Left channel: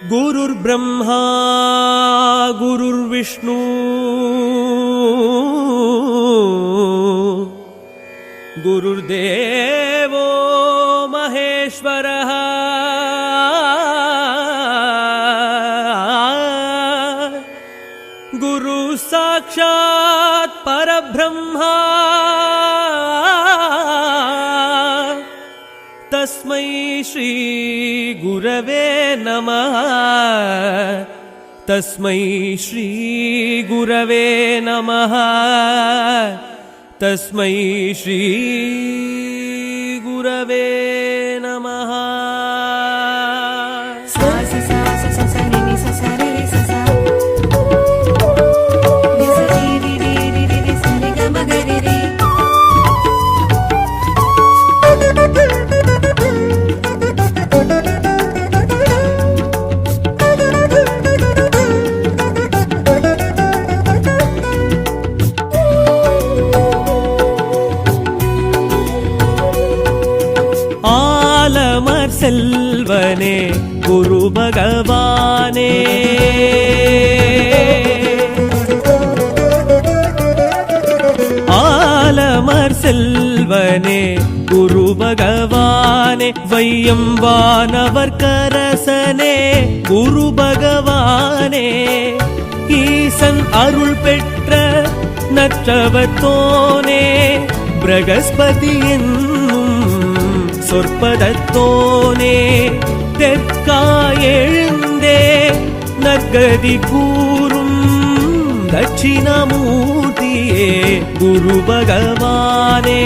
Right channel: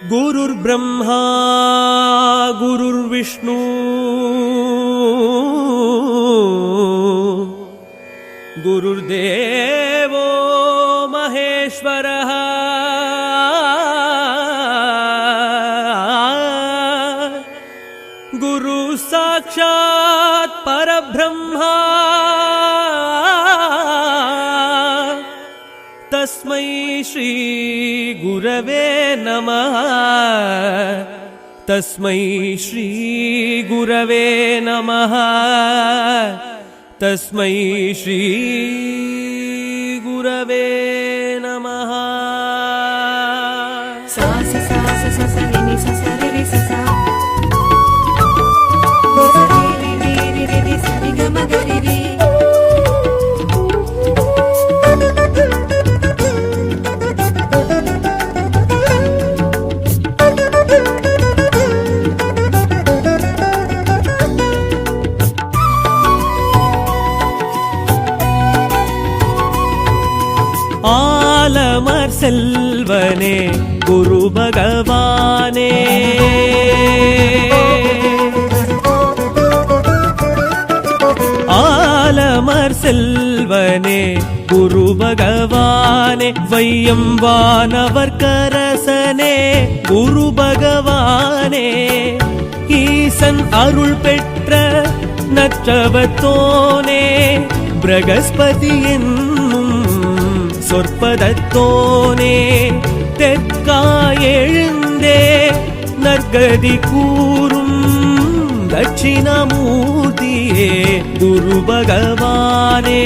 गुरुर्ब्रह्मा गुरुर्विष्णु गुरुर्देवो महेश्वरः गुरु साक्षात् परब्रह्मा तस्मै श्री गुरवे नमः तस्मै श्री गुरवे नमः तस्मै श्री गुरवे नमः। ஆலமர் செல்வனே குரு பகவானே ஆலமர் செல்வனே குரு பகவானே வையம் வானவர் கரசனே குரு பகவானே ஈசன் அருள் பெற்ற நற்றவத்தோனே பிரகஸ்பதி என்னும் சொற்பதத்தோனே தெற்காயெழுந்தே நற்கதி கூறும் தட்சிணாமூர்த்தியே குரு பகவானே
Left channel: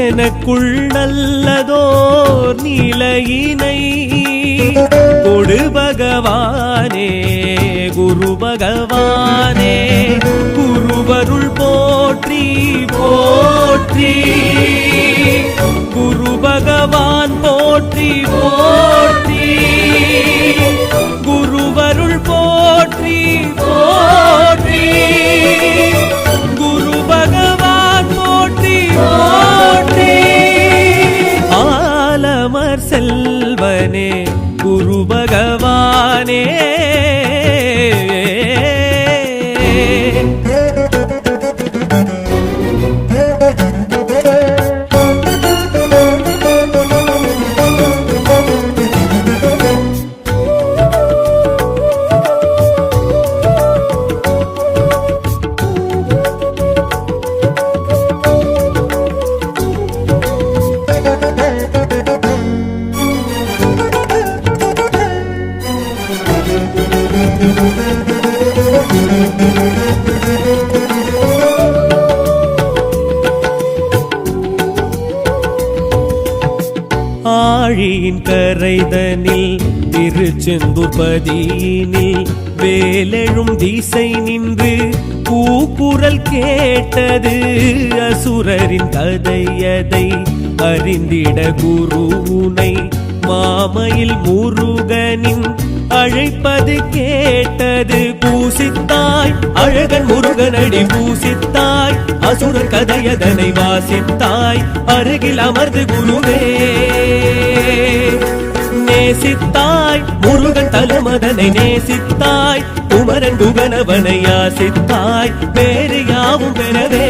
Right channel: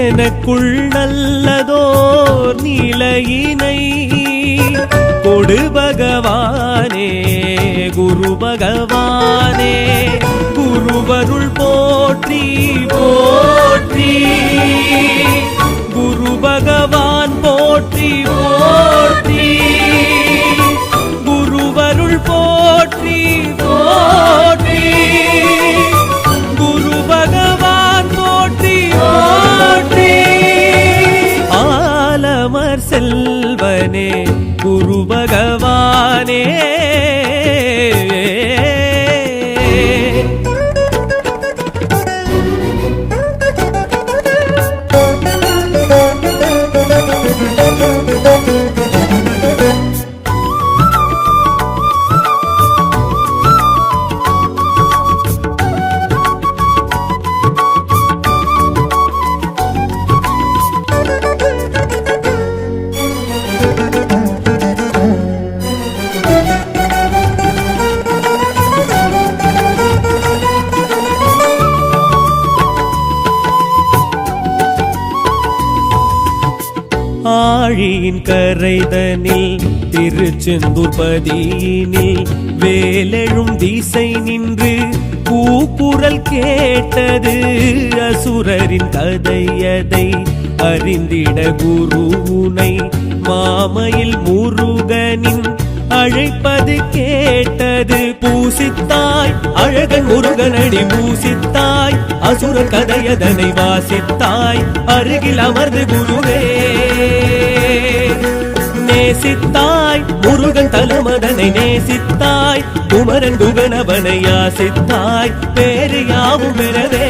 எனக்குள் நல்லதோர் நிலையினை கொடு பகவானே குரு பகவானே குருவருள் போற்றி போற்றி குரு பகவான் போற்றி போற்றி குருவருள் போற்றி போற்றி குரு பகவான் போற்றி போற்றி ஆலமர் செல்வனே குரு பகவானே ஆழியின் கரைதனில் திருச்செந்தூர் பதியினில் வேலெழும் திசை நின்று கூக்குரல் கேட்டது அசுரரின் கதையதை அறிந்திட குருவுனை மாமையில் முருகனின் அழைப்பது கேட்டது பூசித்தாய் அழகன் முருகனடி பூசித்தாய் அசுரர் கதையதனை வாசித்தாய் அருகில் அமர்ந்து குருவே நேசித்தாய் முருகன் தலமதனை நேசித்தாய் குமரன் குகனவனை யாசித்தாய் வேறு யாவும் பெறவே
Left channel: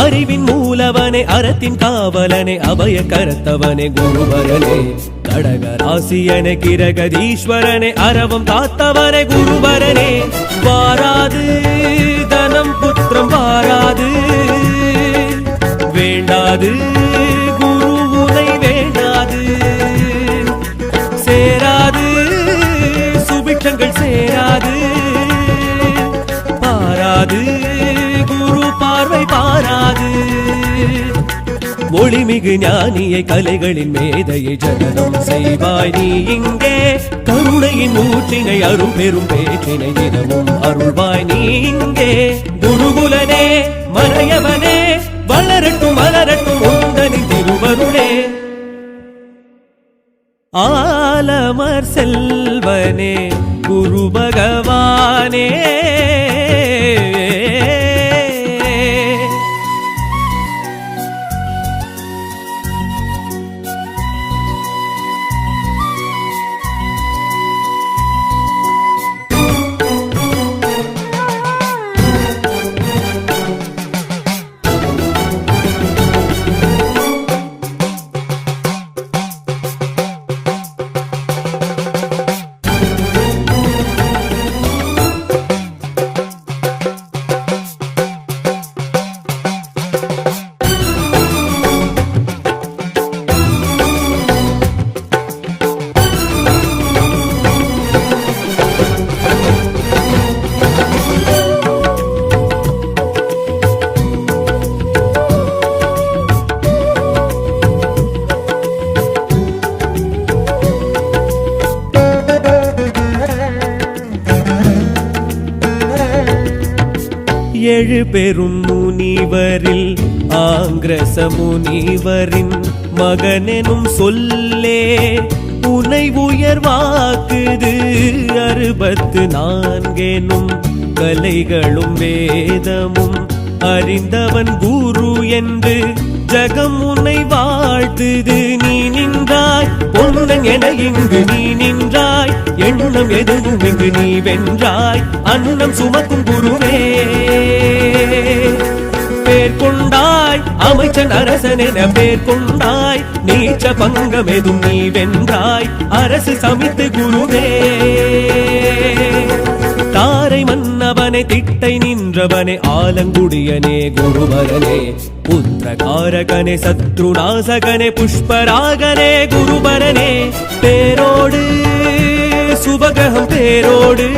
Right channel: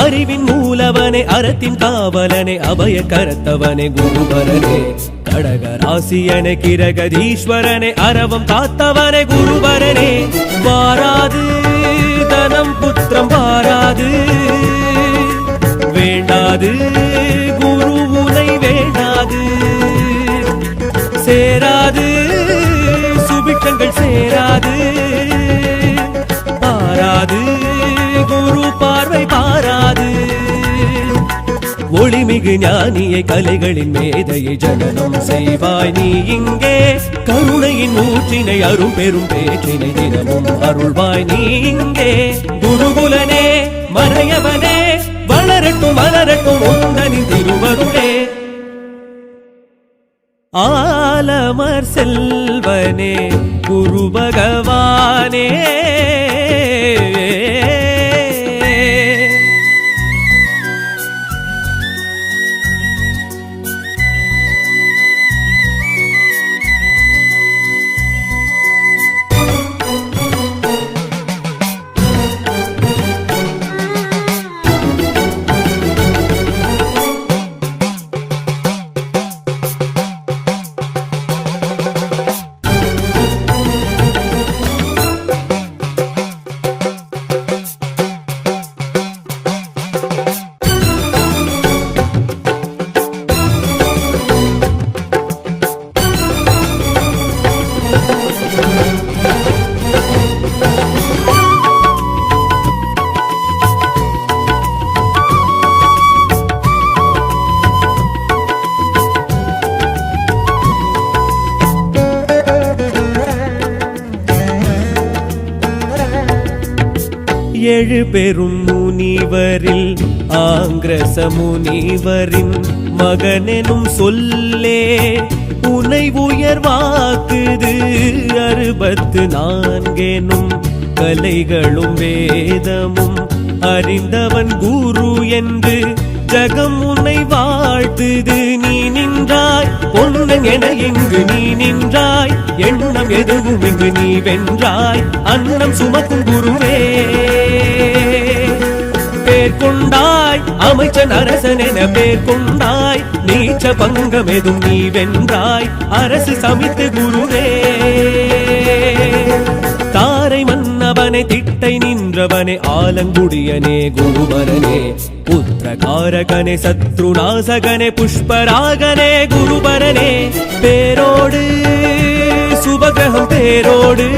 அறிவின் மூலவனே அறத்தின் காவலனே அபய கரத்தவனே குருபரனே கடகராசியனே கிரகதீஸ்வரனே அரவம் காத்தவனே குருபரனே வாராது தனம் புத்திரம் வாராது வேண்டாது குருவுனை வேண்டாது சேராது சுபிட்சங்கள் சேராது பாராது குரு பார்வை பாராது ஒளிமிகு ஞானியை கலைகளின் மேதையை ஜனனம் செய்வாய் நீ இங்கே கருணையின் ஊற்றினை அரும் பெரும் பேற்றினை தினமும் அருள்வாய் நீ இங்கே குருகுலனே மறையவனே வளரட்டும் மலரட்டும் உந்தனின் திருவருளே ஆலமர் செல்வனே குரு பகவானே எழு பெரும் முனிவரில் ஆங்கிரச முனிவரின் மகனெனும் சொல்லே உனை உயர்வாக்குது 64 கலைகளும் வேதமும் அறிந்தவன் குரு என்று ஜகம் உன்னை வாழ்த்துது. நீ நின்றாய் பொன்னன் என இங்கு நீ நின்றாய், எண்ணம் எதுவும் இங்கு நீ வென்றாய். அன்னம் சுமக்கும் குருவே பேர் கொண்டாய், அமைச்சன் அரசன் என பேர் கொண்டாய். நீச்ச பங்கம் எதும் நீ வென்றாய், அரசு சமித்து குருவே. தாரை மன்னவனே திட்டை நின்றவனே ஆலங்குடியனே குருபரனே, புத்திரகாரகனே சத்ருநாசகனே புஷ்பராகனே குருபரனே. பேரோடு சுபகிரகம் பேரோடு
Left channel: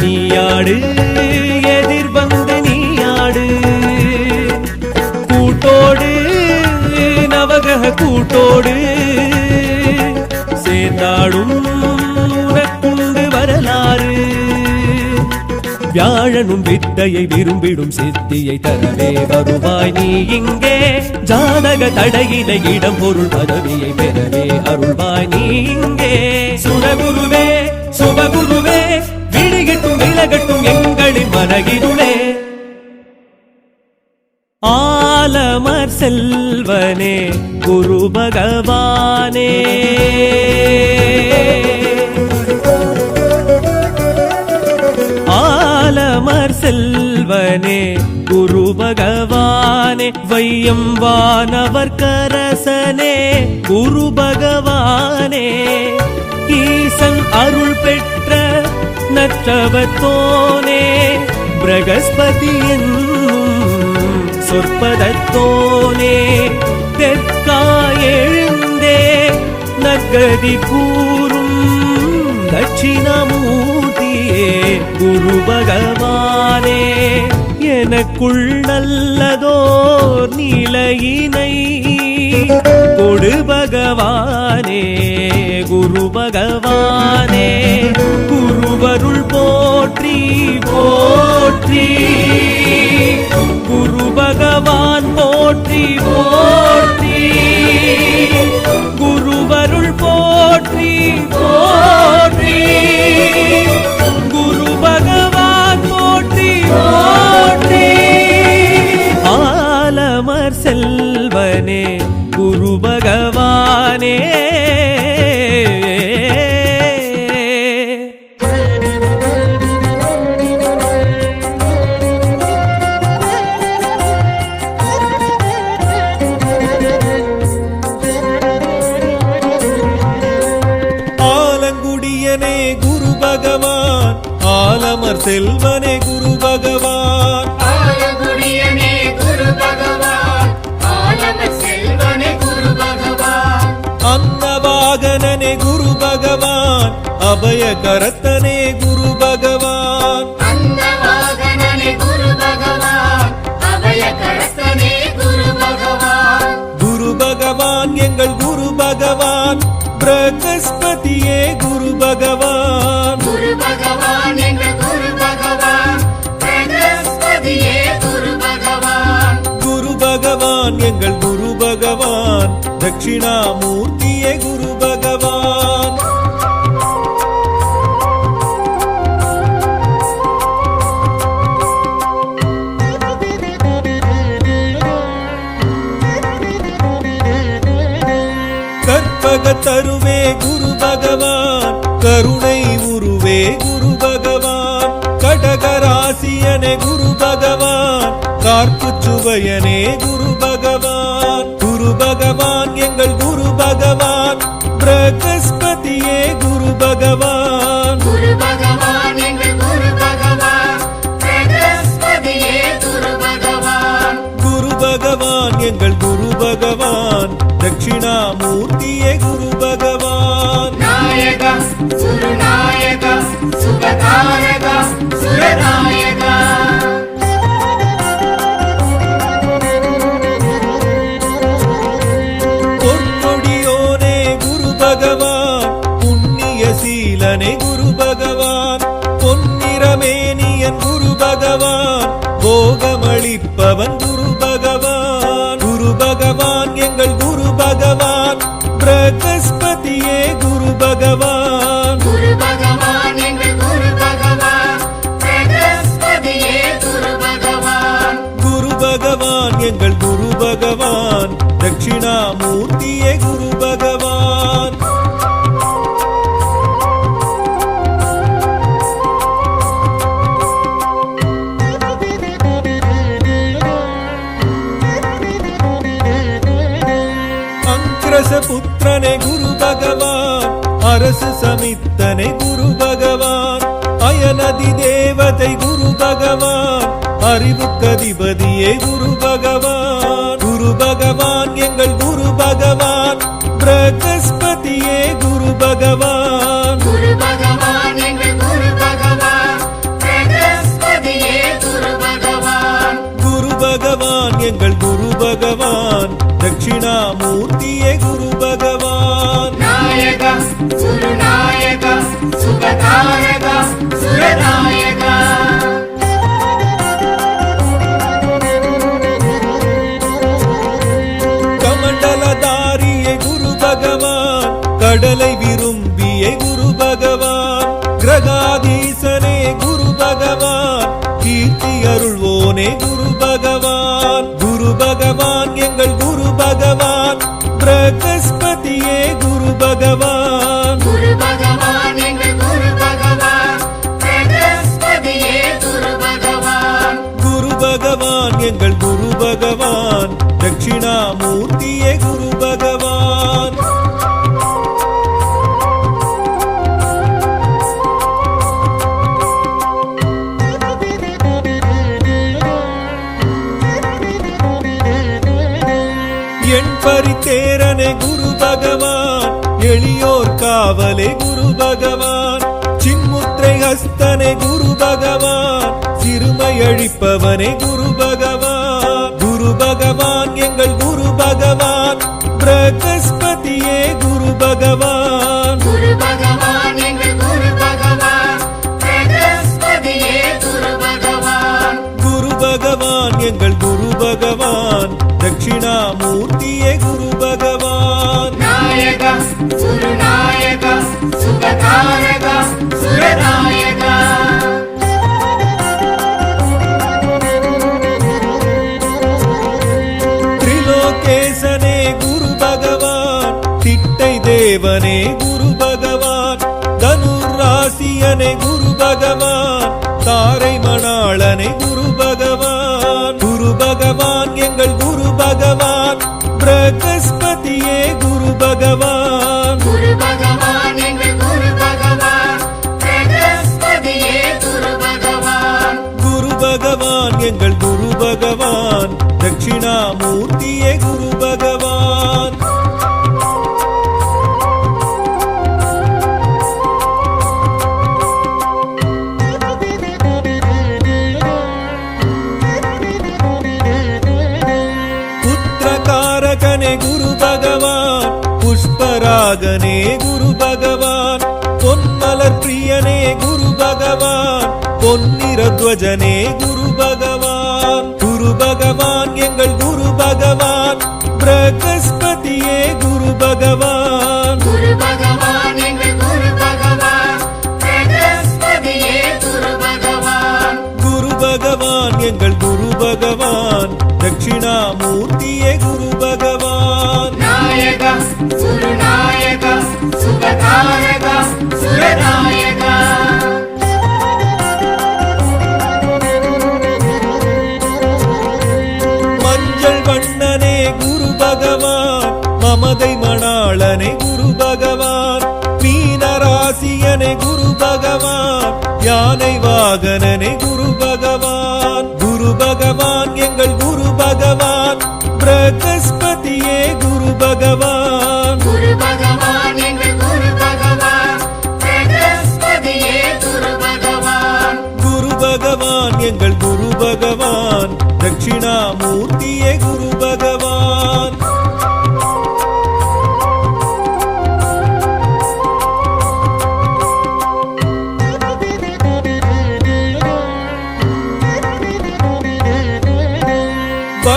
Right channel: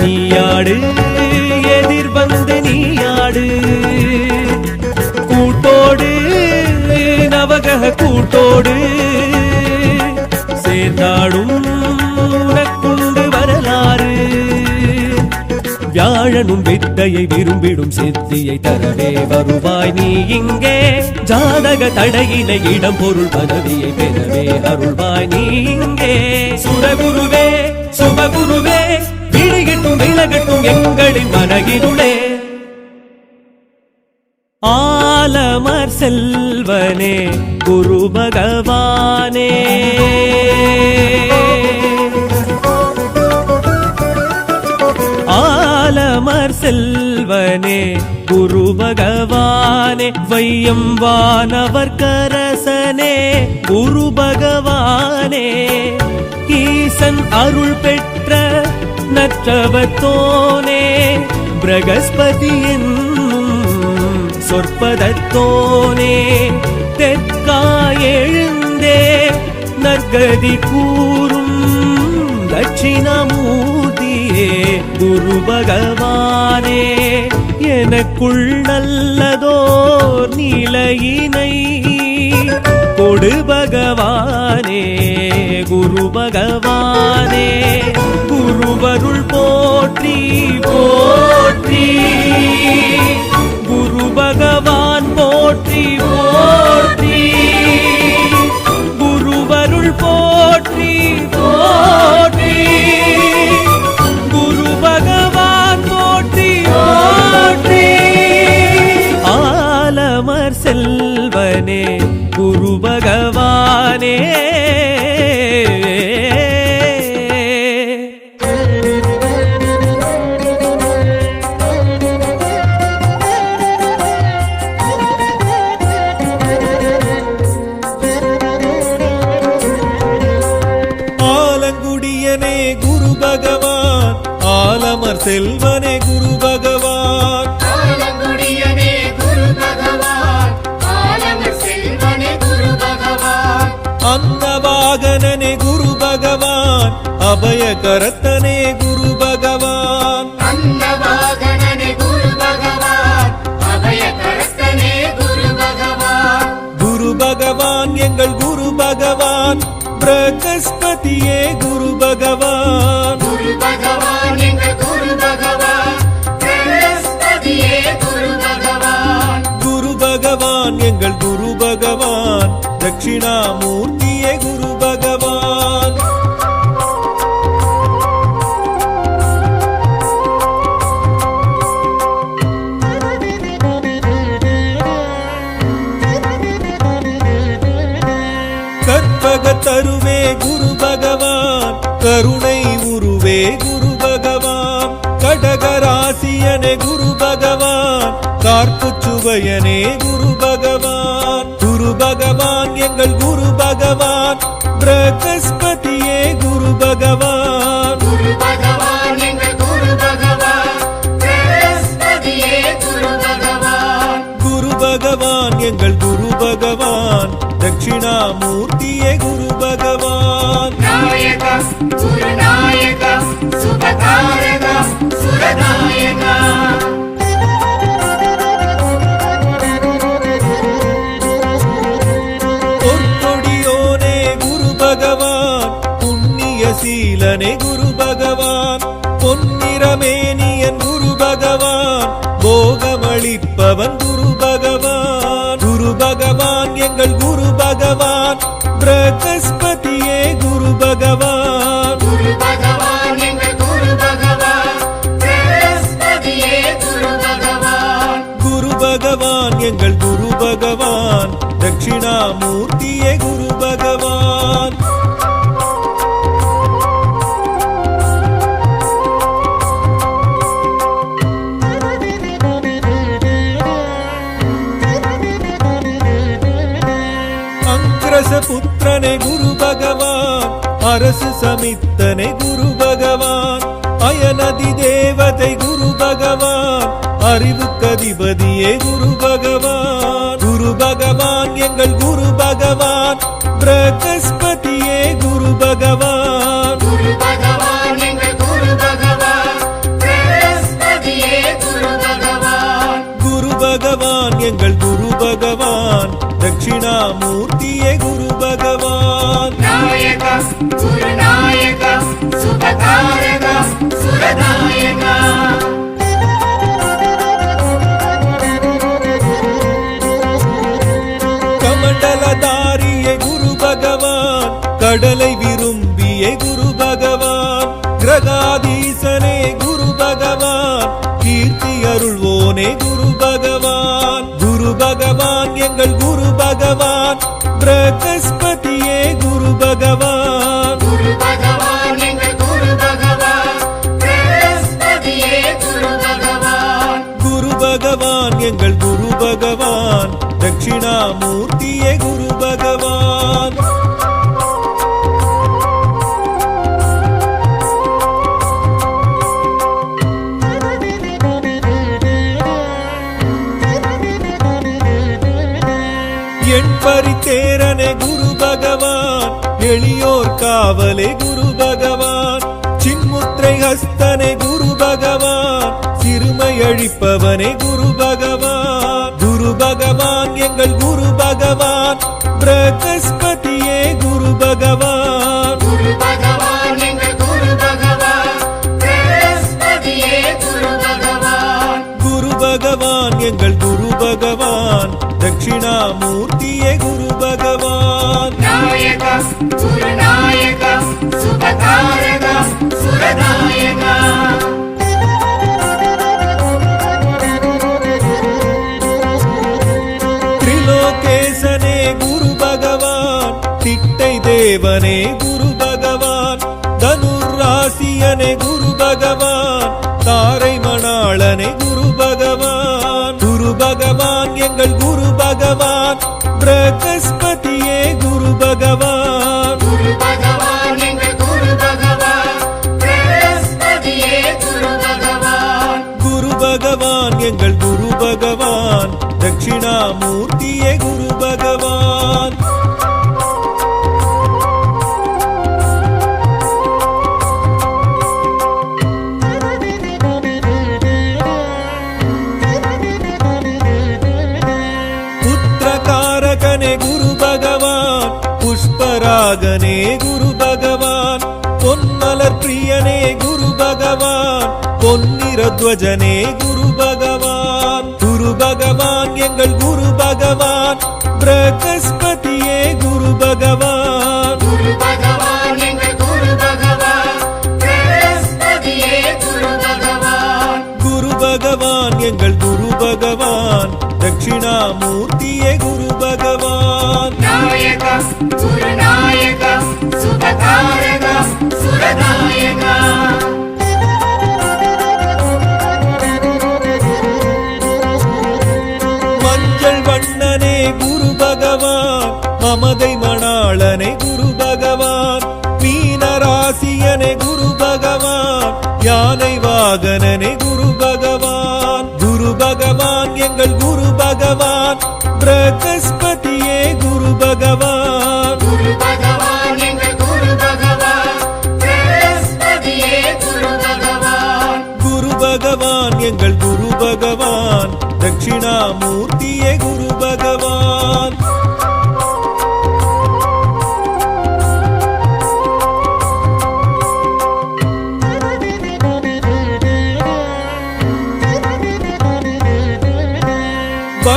நீயாடு, எதிர் வந்து நீயாடு. கூட்டோடு நவகிரக கூட்டோடு சேர்ந்தாடும் உனக்குண்டு வரலாறு. வியாழனும் வித்தையை விரும்பிடும் சித்தியை தரவே வருவாய் நீ இங்கே. ஜாதக தடையினை இடம் பொருள் பதவியை பெறவே அருள்வாய் நீ இங்கே. சுரகுருவே சுபகுருவே விழிகட்டும் விலகட்டும் எங்களின் மனகிருளே. ஆலமர் செல்வனே குரு பகவானே, ஆலமர் செல்வனே குரு பகவானே. வையம் வானவர் கரசனே குரு பகவானே. ஈசன் அருள் பெற்ற நற்றவத்தோனே, பிரகஸ்பதி என்னும் சொற்பதத்தோனே. தெற்காய் எழுந்தே நற்கதி கூறும் தட்சிணாமூர்த்தியே குரு பகவானே. எனக்குள் நல்லதோர் நிலையினை கொடு பகவானே குரு பகவானே. குருவருள் போற்றி போற்றி, குரு பகவான் போற்றி போற்றி. குருவருள் போற்றி போற்றி, குரு பகவான் போற்றி போற்றி. ஆலமர் செல்வனே குரு பகவானே. ஆலங்குடியனே குரு பகவான், ஆலமர் செல்வனே குரு பகவான். ஆலங்குடியனே குரு பகவான், ஆலமர் செல்வனே குரு பகவான். அன்னவாகனனே குரு பகவான், அபயகரத்தனே குரு பகவான். அன்னவாகனனே குரு பகவான், அபயகரத்தனே குரு பகவான். குரு பகவான் எங்கள் குரு பகவான், பிரகஸ்பதியே குரு பகவான். குரு பகவான் எங்கள் குரு பகவான், பிரகஸ்பதியே குரு பகவான். குரு பகவான் எங்கள் குரு பகவான், தட்சிணாமூர்த்தியே குரு பகவான். கற்பகத்தருவே குரு பகவான், கருணை உருவே குரு பகவான். கடகராசியனே குரு பகவான், கார்ப்பு சுவையனே குரு பகவான். குரு பகவான் எங்கள் குரு பகவான், பிரகஸ்பதியே குரு பகவான். குரு பகவான் எங்கள் குரு பகவான், பிரகஸ்பதியே குரு பகவான். குரு பகவான் எங்கள் குரு பகவான், தட்சிணாமூர்த்தியே குரு பகவான். நாயக சுரநாயக சுபகாரக சுரநாயக. பொற்கொடியோனே குரு பகவான், புண்ணிய சீலனே குரு பகவான். பொன்னிறமேனியன் குரு பகவான் போகமளிப்பவன் குரு பகவான். குரு பகவான் எங்கள் குரு பகவான், பிரகஸ்பதியே குரு பகவான். குரு பகவான் எங்கள் குரு பகவான், பிரகஸ்பதியே குரு பகவான். குரு பகவான் எங்கள் குரு பகவான், தட்சிணாமூர்த்தியே குரு பகவான். புத்திரனே குரு பகவான், அரசு சமித்தனே குரு பகவான். அயனதி தேவதை குரு பகவான், அறிவுக்கதிபதியே குரு பகவான். குரு பகவான் எங்கள் குரு பகவான், பிரகஸ்பதியே குரு பகவான். குரு பகவான் எங்கள் குரு பகவான், பிரகஸ்பதியே குரு பகவான். குரு பகவான் எங்கள் குரு பகவான், தட்சிணாமூர்த்தியே குரு பகவான். நாயகா சுரநாயகா சுபகாரகா சுரநாயகா. கமண்டலதாரியே குரு பகவான், கடலை விரும்பிய குரு பகவான். கிரகாதீசனே குரு பகவான், கீர்த்தி அருள்வோனே குரு பகவான். குரு பகவான் எங்கள் குரு பகவான், பிரகஸ்பதியே குரு பகவான். குரு பகவான் எங்கள் குரு பகவான், பிரகஸ்பதியே குரு பகவான். குரு பகவான் எங்கள் குரு பகவான், தட்சிணாமூர்த்தியே குரு பகவான். என் பரித்தேரனே குரு பகவான், எளியோர் காவலே குரு பகவான். சின்முத்திரை ஹஸ்தனே குரு பகவான், சிறுமை அழிப்பவனே குரு பகவான். குரு பகவான் எங்கள் குரு பகவான், பிரகஸ்பதியே குரு பகவான். குரு பகவான் எங்கள் குரு பகவான், பிரகஸ்பதியே குரு பகவான். குரு பகவான் எங்கள் குரு பகவான், தட்சிணாமூர்த்தியே குரு பகவான். நாயகா சுரநாயகா சுபகாரகா சுரநாயகா. திரிலோகேசனே குரு பகவான், திட்டை தேவனே குரு பகவான். தனுராசியனே குரு பகவான், தாரை மணாளனே குரு பகவான். குரு பகவான் எங்கள் குரு பகவான், பிரகஸ்பதியே குரு பகவான். குரு பகவான் எங்கள் குரு பகவான், பிரகஸ்பதியே குரு பகவான். குரு பகவான் எங்கள் குரு பகவான், தட்சிணாமூர்த்தியே குரு பகவான். நாயகா சுரநாயகா சுபகாரகா சுரநாயகா. குரு பகவான் எங்கள் குரு பகவான், பிரகஸ்பதியே குரு பகவான். குரு பகவான் எங்கள் குரு பகவான், தட்சிணாமூர்த்தியே குரு பகவான். குரு பகவான் எங்கள் குரு பகவான், பிரகஸ்பதியே குரு பகவான். குரு பகவான் எங்கள் குரு பகவான், தட்சிணாமூர்த்தியே குரு பகவான். புத்திரகாரகனே குரு பகவான், புஷ்பராகனே குரு பகவான். பொன்மலர் பிரியனே குரு பகவான், பொன்னிறத்வஜனே குரு பகவான். குரு பகவான் எங்கள் குரு பகவான், பிரகஸ்பதியே குரு பகவான். குரு பகவான் எங்கள் குரு பகவான், பிரகஸ்பதியே குரு பகவான். குரு பகவான் எங்கள் குரு பகவான், தட்சிணாமூர்த்தியே குரு பகவான். நாயகா சுரநாயகா சுபகாரகா சுரநாயகா. மஞ்சள் வண்ணனே குரு பகவான், மமதை மணாளனே குரு பகவான். மீனராசியனே குரு பகவான், யானை வாகனனே குரு பகவான். குரு பகவான் எங்கள் குரு பகவான், பிரகஸ்பதியே குரு பகவான். குரு பகவான் எங்கள் குரு பகவான், பிரகஸ்பதியே குரு பகவான். குரு பகவான் எங்கள் குரு பகவான், தட்சிணாமூர்த்தியே குரு பகவான்.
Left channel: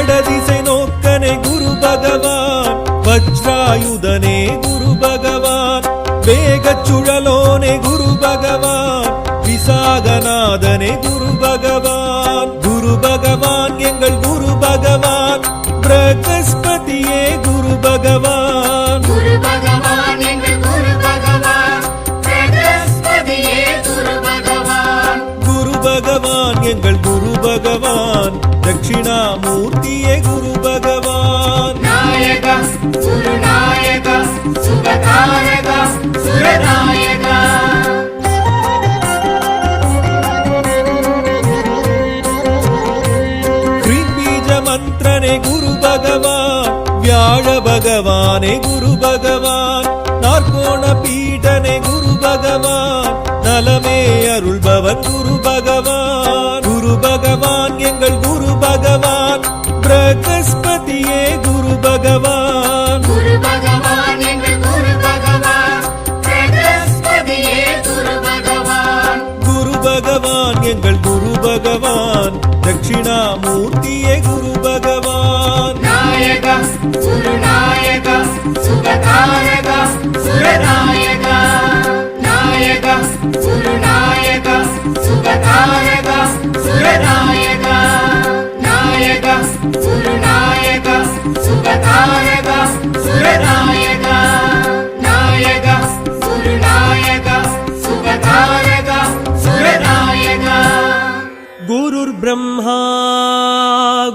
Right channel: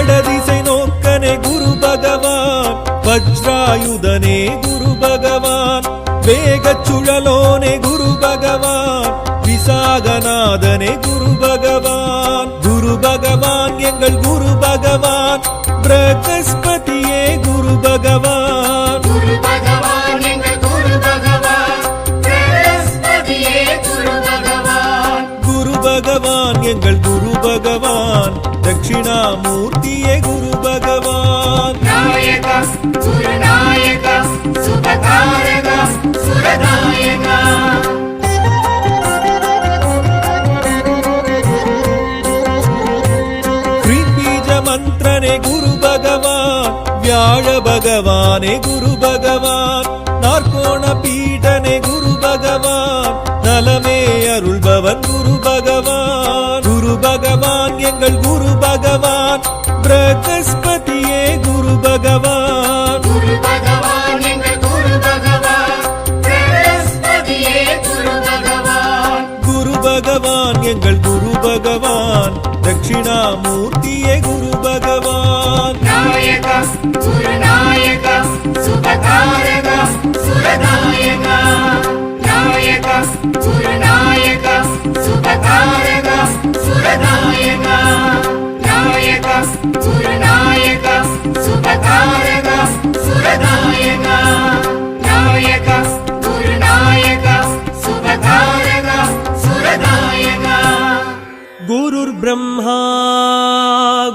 வடதிசை நோக்கனே குரு பகவான், வஜ்ராயுதனே குரு பகவான், வேகச் சுழலோனே குரு பகவான், விசாகநாதனே குரு பகவான். குரு பகவான் எங்கள் குரு பகவான், பிரகஸ்பதியே குரு பகவான். குரு பகவான் எங்கள் குரு பகவான், பிரகஸ்பதியே குரு பகவான். குரு பகவான் எங்கள் குரு பகவான், தட்சிணாமூர்த்தியே குரு பகவான். நாயகா குருநாயகா சுபகாரகா சுரநாயகா. பீஜ மந்திரனே குரு பகவான், வியாழ பகவானே குரு பகவான், நாற்கோண பீடனே குரு பகவான், நலமே அருள்பவன் குரு பகவான். குரு பகவான் எங்கள் குரு பகவான், பிரகஸ்பதியே குரு பகவான். குரு பகவான் எங்கள் குரு பகவான், பிரகஸ்பதியே குரு பகவான். குரு பகவான் எங்கள் குரு பகவான், தட்சிணாமூர்த்தியே குரு பகவான். நாயகா குருநாயகா சுபகாரகா சுரநாயகா. நாயகா குருநாயகா சுபகாரகா சுரநாயகா. நாயகா குருநாயகா சுபகாரகா சுரநாயகா. நாயகா குருநாயகா சுபகாரகா சுரநாயகா. குருர் பிரம்மா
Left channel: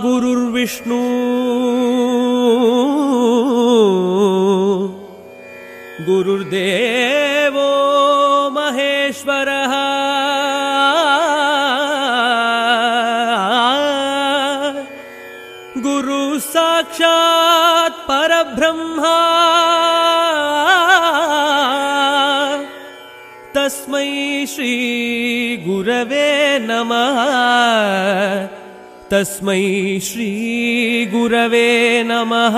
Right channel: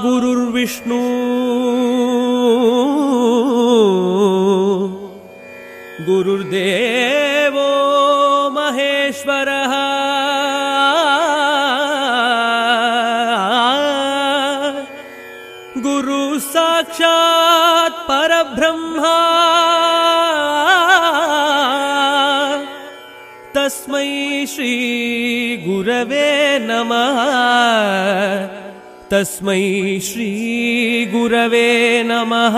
குருர் விஷ்ணு குருர் தேவோ மகேஸ்வரः. குரு சாக்ஷாத் பரபிரம்மா தஸ்மை ஸ்ரீ குரவே நமः. தஸ்மை ஸ்ரீ குரவே நமः.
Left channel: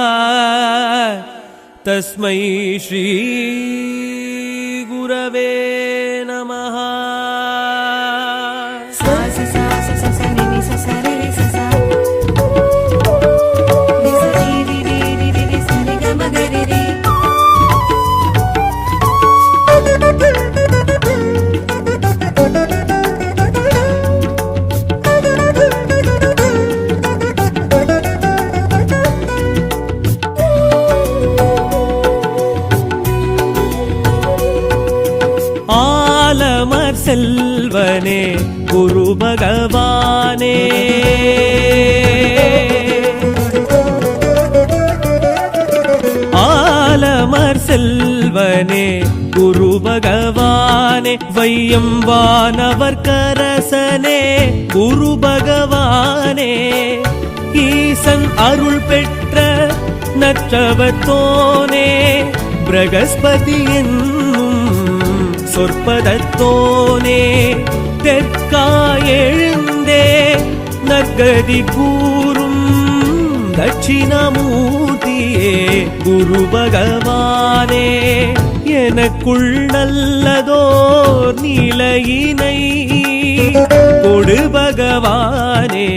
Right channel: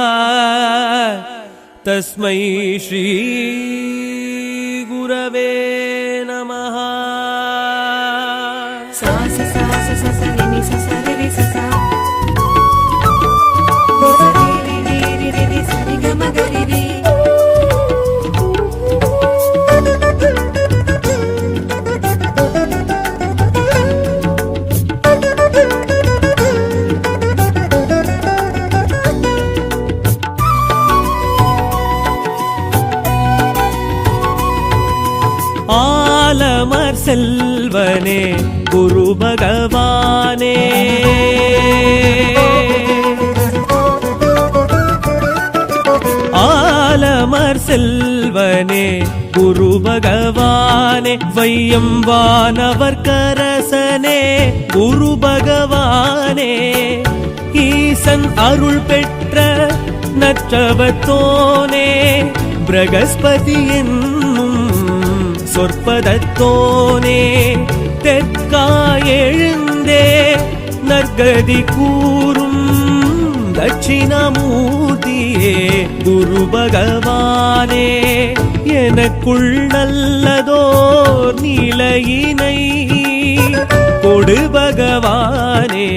தஸ்மை ஸ்ரீ குரவே நமः. ஆலமர் செல்வனே குரு பகவானே, ஆலமர் செல்வனே குரு பகவானே, வையம் வானவர் கரசனே குரு பகவானே, ஈசன் அருள் பெற்ற நற்றவத்தோனே, பிரகஸ்பதி என்னும் சொற்பதத்தோனே, தெற்காயெழுந்தே நற்கதி கூறும் தட்சிணாமூர்த்தியே குரு பகவானே, எனக்குள் நல்லதோர் நிலையினை கொடு பகவானே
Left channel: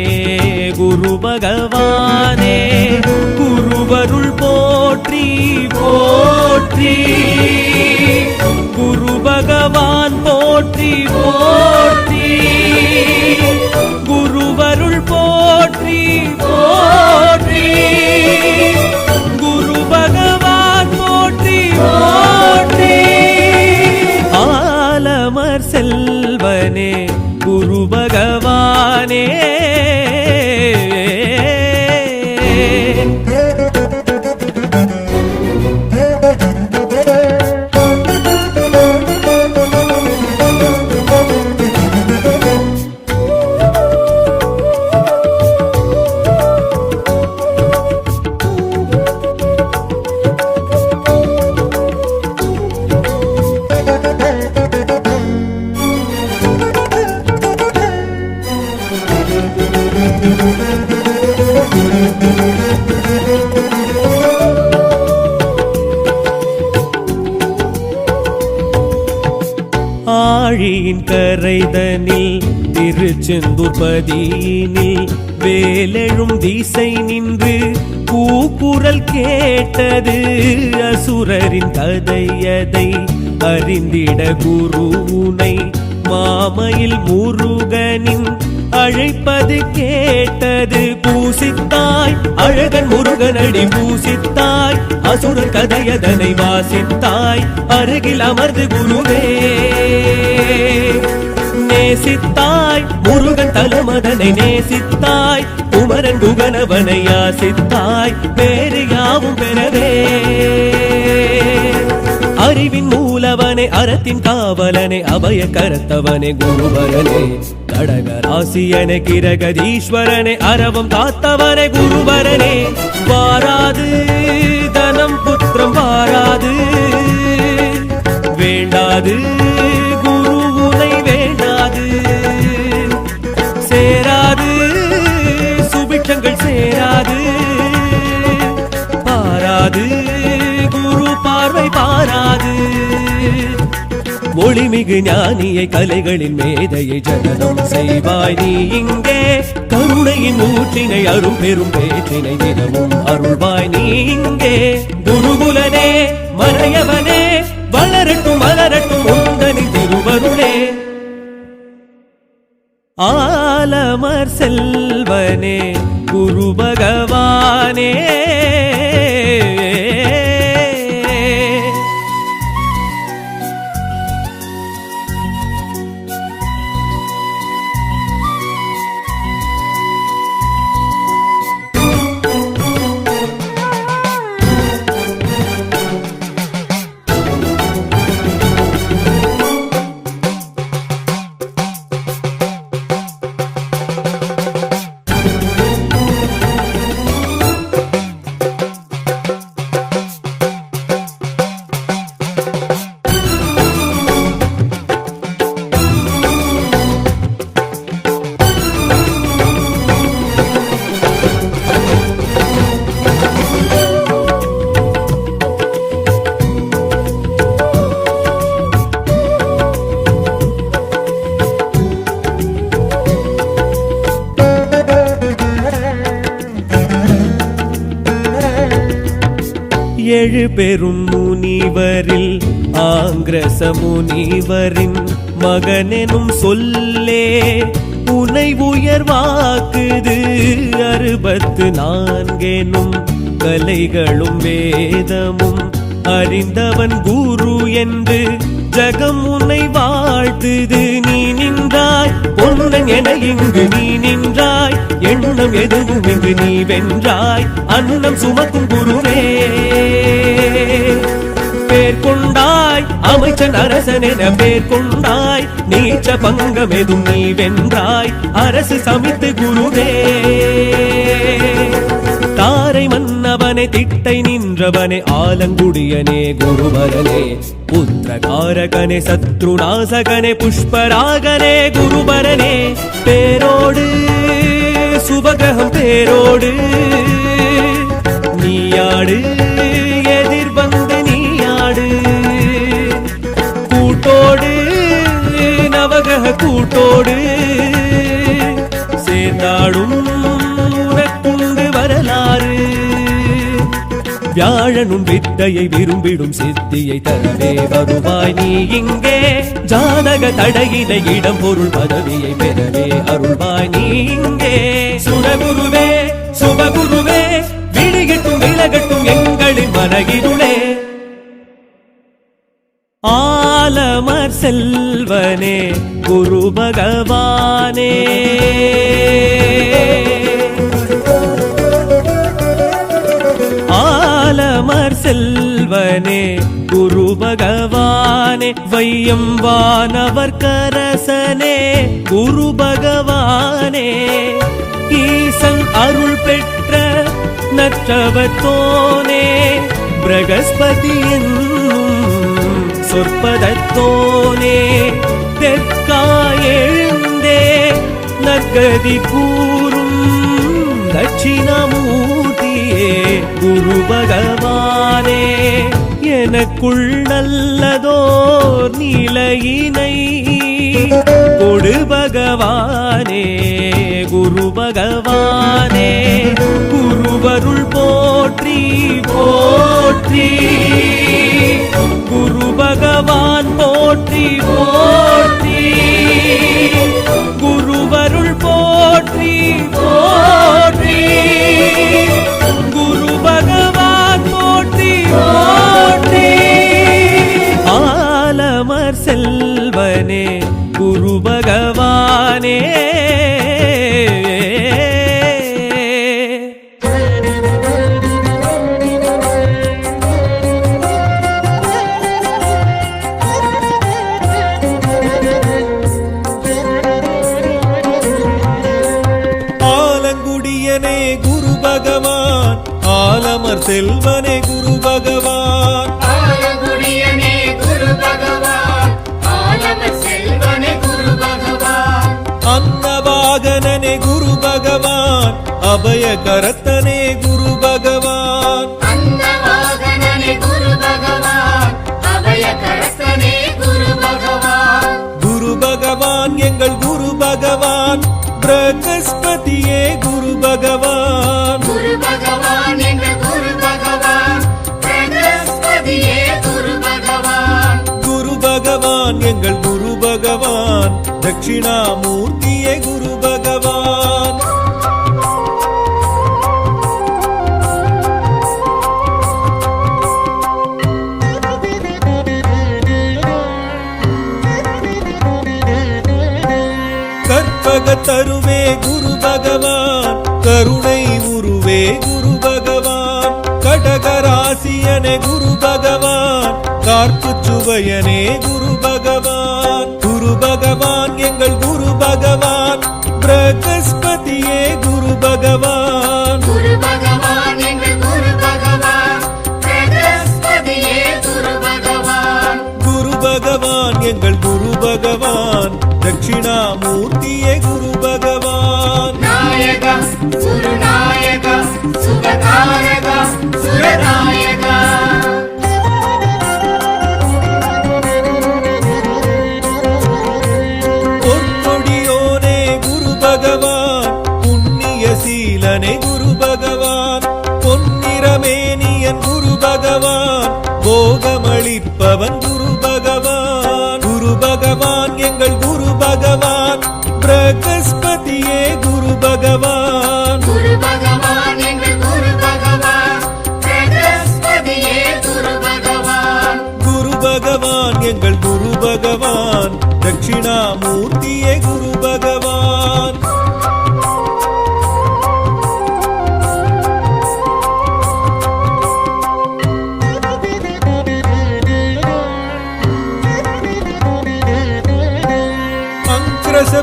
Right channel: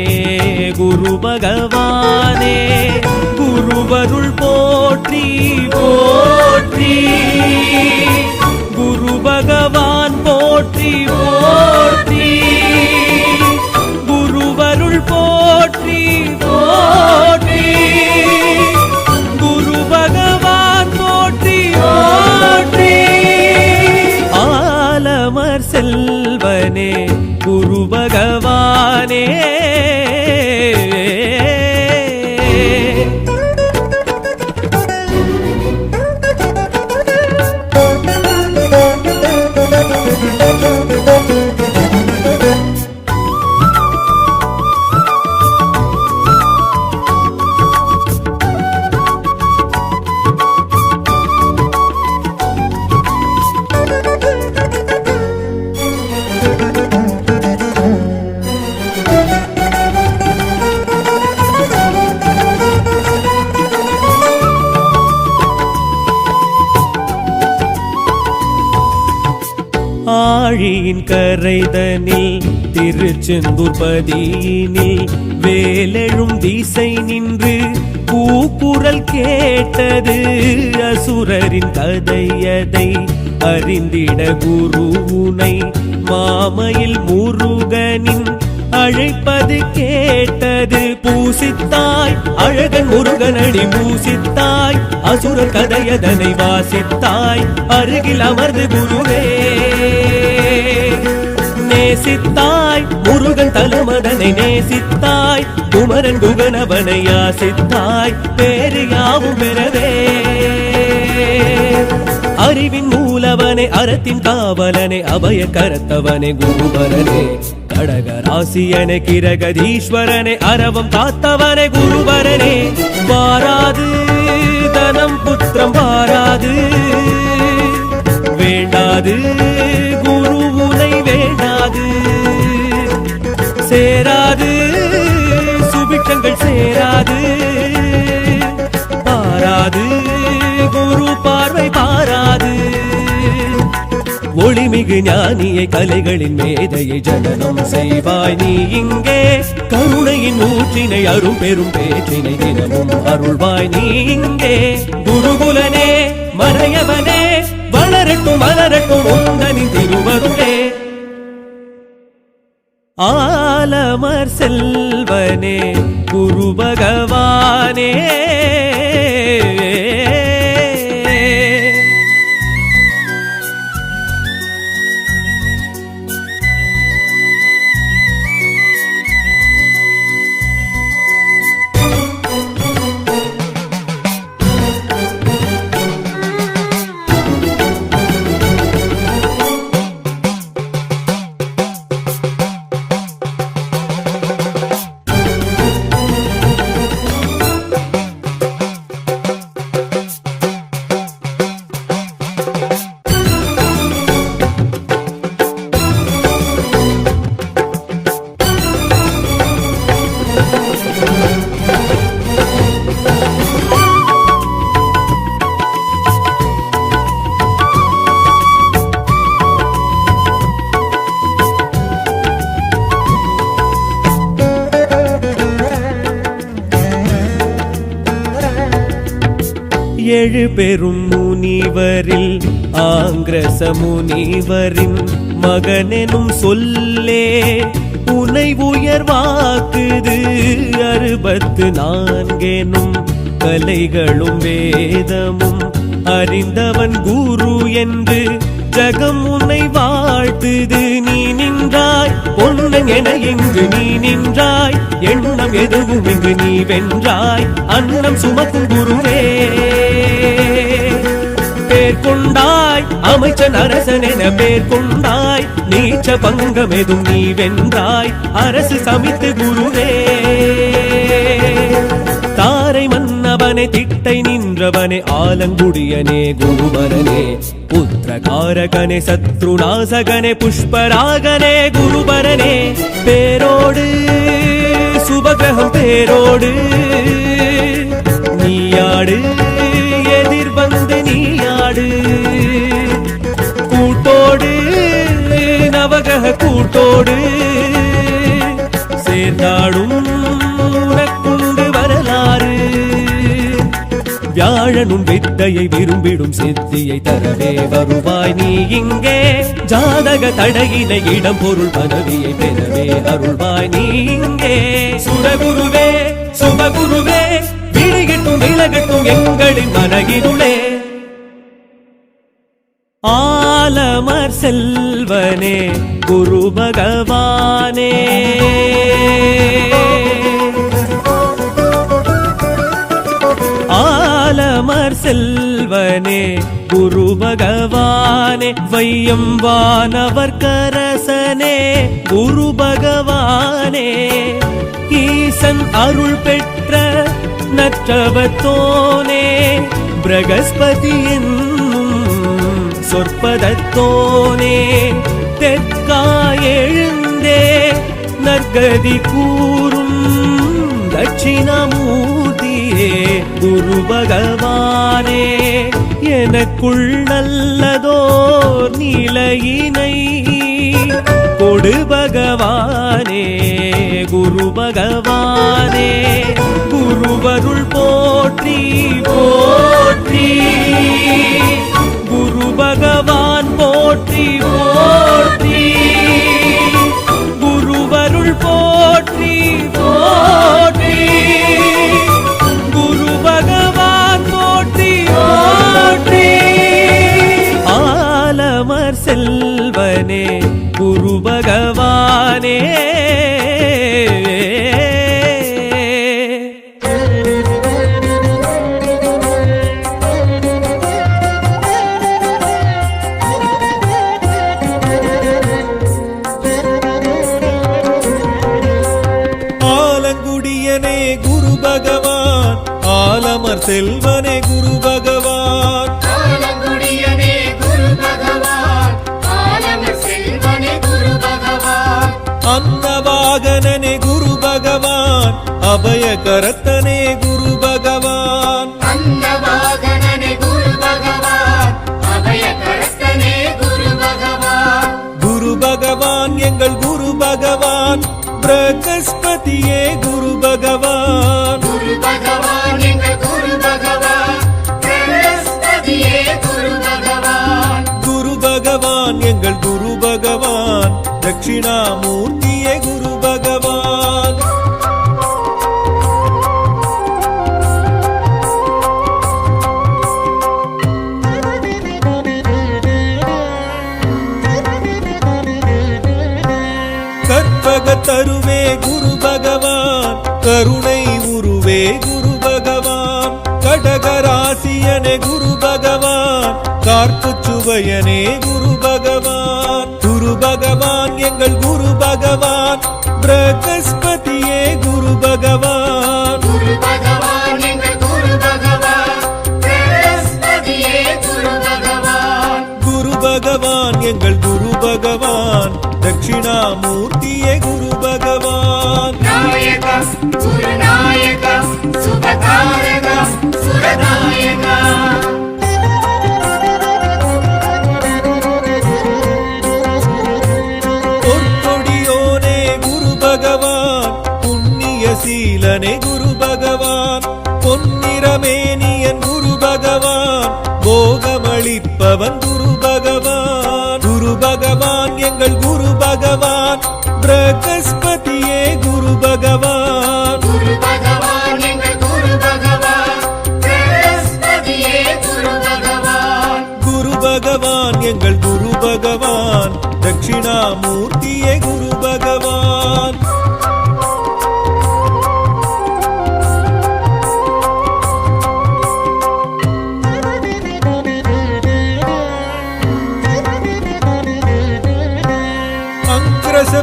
குரு பகவானே. குருவருள் போற்றி போற்றி, குரு பகவான் போற்றி போற்றி, குருவருள் போற்றி போற்றி, குரு பகவான் போற்றி போற்றி. ஆலமர் செல்வனே குரு பகவானே. ஆழியின் கரைதனில் திருச்செந்தூர் பதியினில் வேலெழும் திசை நின்று கூக்குரல் கேட்டது அசுரரின் கதையதை அறிந்திட குருவுனை மாமையில் முருகனின் அழைப்பது கேட்டது பூசித்தாய் அழகன் முருகனடி பூசித்தாய் அசுரர் கதையதனை வாசித்தாய் அருகில் அமர்ந்து குருவே நேசித்தாய் முருகன் தலமதனை நேசித்தாய் குமரன் குகனவனை யாசித்தாய் பேரு யாவும் பெறவே அறிவின் மூலவனே அறத்தின் காவலனே அபய கரத்தவனே குருபரனே கடகராசியனே கிரகதீஸ்வரனே அரவம் காத்தவனே குருபரனே வாராது தனம் புத்திரம் வாராது வேண்டாது குருவுனை வேண்டாது சேராது சுபிட்சங்கள் சேராது பாராது குரு பார்வை பாராது ஒளிமிகு ஞானியை கலைகளின் மேதையை ஜனனம் செய்வாய் நீ இங்கே கருணையின் ஊற்றினை அரும் பெரும் பேற்றினை தினமும் அருள்வாய் நீ இங்கே குருகுலனே மறையவனே வளரட்டும் மலரட்டும் உந்தனின் திருவருளே ஆலமர் செல்வனே குரு பகவானே ஏழு பெரும் முனிவரில் ஆங்கிரச முனிவரின் மகனெனும் சொல்லே உனை உயர்வாக்குது 64 கலைகளும் வேதமும் அறிந்தவன் குரு என்று ஜகம் உன்னை வாழ்த்துது நீ நின்றாய் பொன்னன் என இங்கு நீ நின்றாய் எண்ணம் எதுவும் இங்கு நீ வென்றாய் அன்னம் சுமக்கும் குருவே பேர் கொண்டாய் அமைச்சன் அரசன் என பேர் கொண்டாய் நீச்ச பங்கம் எதும் நீ வென்றாய் அரசு சமித்து குருவே தாரை மன்னவனே திட்டை நின்றவனே ஆலங்குடியனே குருபரனே புத்திரகாரகனே சத்ருநாசகனே புஷ்பராகனே குருபரனே பேரோடு சுபகிரகம் பேரோடு நீயாடு எதிர் வந்து நீயாடு கூட்டோடு நவகிரக கூட்டோடு சேர்ந்தாடும் உனக்குண்டு வரலாறு வியாழனும் வித்தையை விரும்பிடும் சித்தியை தரவே வருவாய் நீ இங்கே ஜாதக தடையினை இடம் பொருள் பதவியை பெறவே அருள்வாய் நீ இங்கே சுரகுருவே சுபகுருவே விழிகட்டும் விலகட்டும் எங்களின் மனகிருளே ஆலமர் செல்வனே குரு பகவானே ஆலமர் செல்வனே குரு பகவானே வையம் வானவர் கரசனே குரு பகவானே ஈசன் அருள் பெற்ற நற்றவத்தோனே பிரகஸ்பதி என்னும் சொற்பதத்தோனே தெற்காய் எழுந்தே நற்கதி கூறும் தட்சிணமூர்த்தியே குரு பகவானே எனக்குள் நல்லதோர் நிலையினை கொடு பகவானே குரு பகவானே குருவருள் போற்றி போற்றி குரு பகவான் போற்றி போற்றி குருவருள் போற்றி போற்றி குரு பகவான் போற்றி போற்றி ஆலமர் செல்வனே குரு பகவானே ஆலங்குடியனே குரு பகவான் ஆலமர் செல்வனே குரு பகவான் ஆலங்குடியனே குரு பகவான் ஆலமர் செல்வனே குரு பகவான் அன்னவாகனனே குரு பகவான் அபயகரத்தனே குரு பகவான் அன்னவாகனனே குரு பகவான் அபயகரத்தனே குரு பகவான் குரு பகவான் எங்கள் குரு பகவான் பிரகஸ்பதியே குரு பகவான் குரு பகவான் எங்கள் குரு பகவான் பிரகஸ்பதியே குரு பகவான் குரு பகவான் எங்கள் குரு பகவான் தட்சிணாமூர்த்தியே குரு பகவான் கற்பகத்தருவே குரு பகவான் கருணை உருவே குரு பகவான் கடகராசியனே குரு பகவான் கார்ப்பு சுவையனே குரு பகவான் குரு பகவான் எங்கள் குரு பகவான் பிரகஸ்பதியே குரு பகவான் குரு பகவான் எங்கள் குரு பகவான் பிரகஸ்பதியே குரு பகவான் குரு பகவான் எங்கள் குரு பகவான் தட்சிணாமூர்த்தியே குரு பகவான் நாயகா குருநாயகா சுபகாரகா சுரநாயகா பொற்கொடியோனே குரு பகவான் புண்ணிய சீலனே குரு பகவான் பொன்னிறமேனியன் குரு பகவான் போகமளிப்பவன் குரு பகவான் குரு பகவான் எங்கள் குரு பகவான் பிரகஸ்பதியே குரு பகவான் குரு பகவான் எங்கள் குரு பகவான் பிரகஸ்பதியே குரு பகவான் குரு பகவான் எங்கள் குரு பகவான் தட்சிணாமூர்த்தியே குரு பகவான்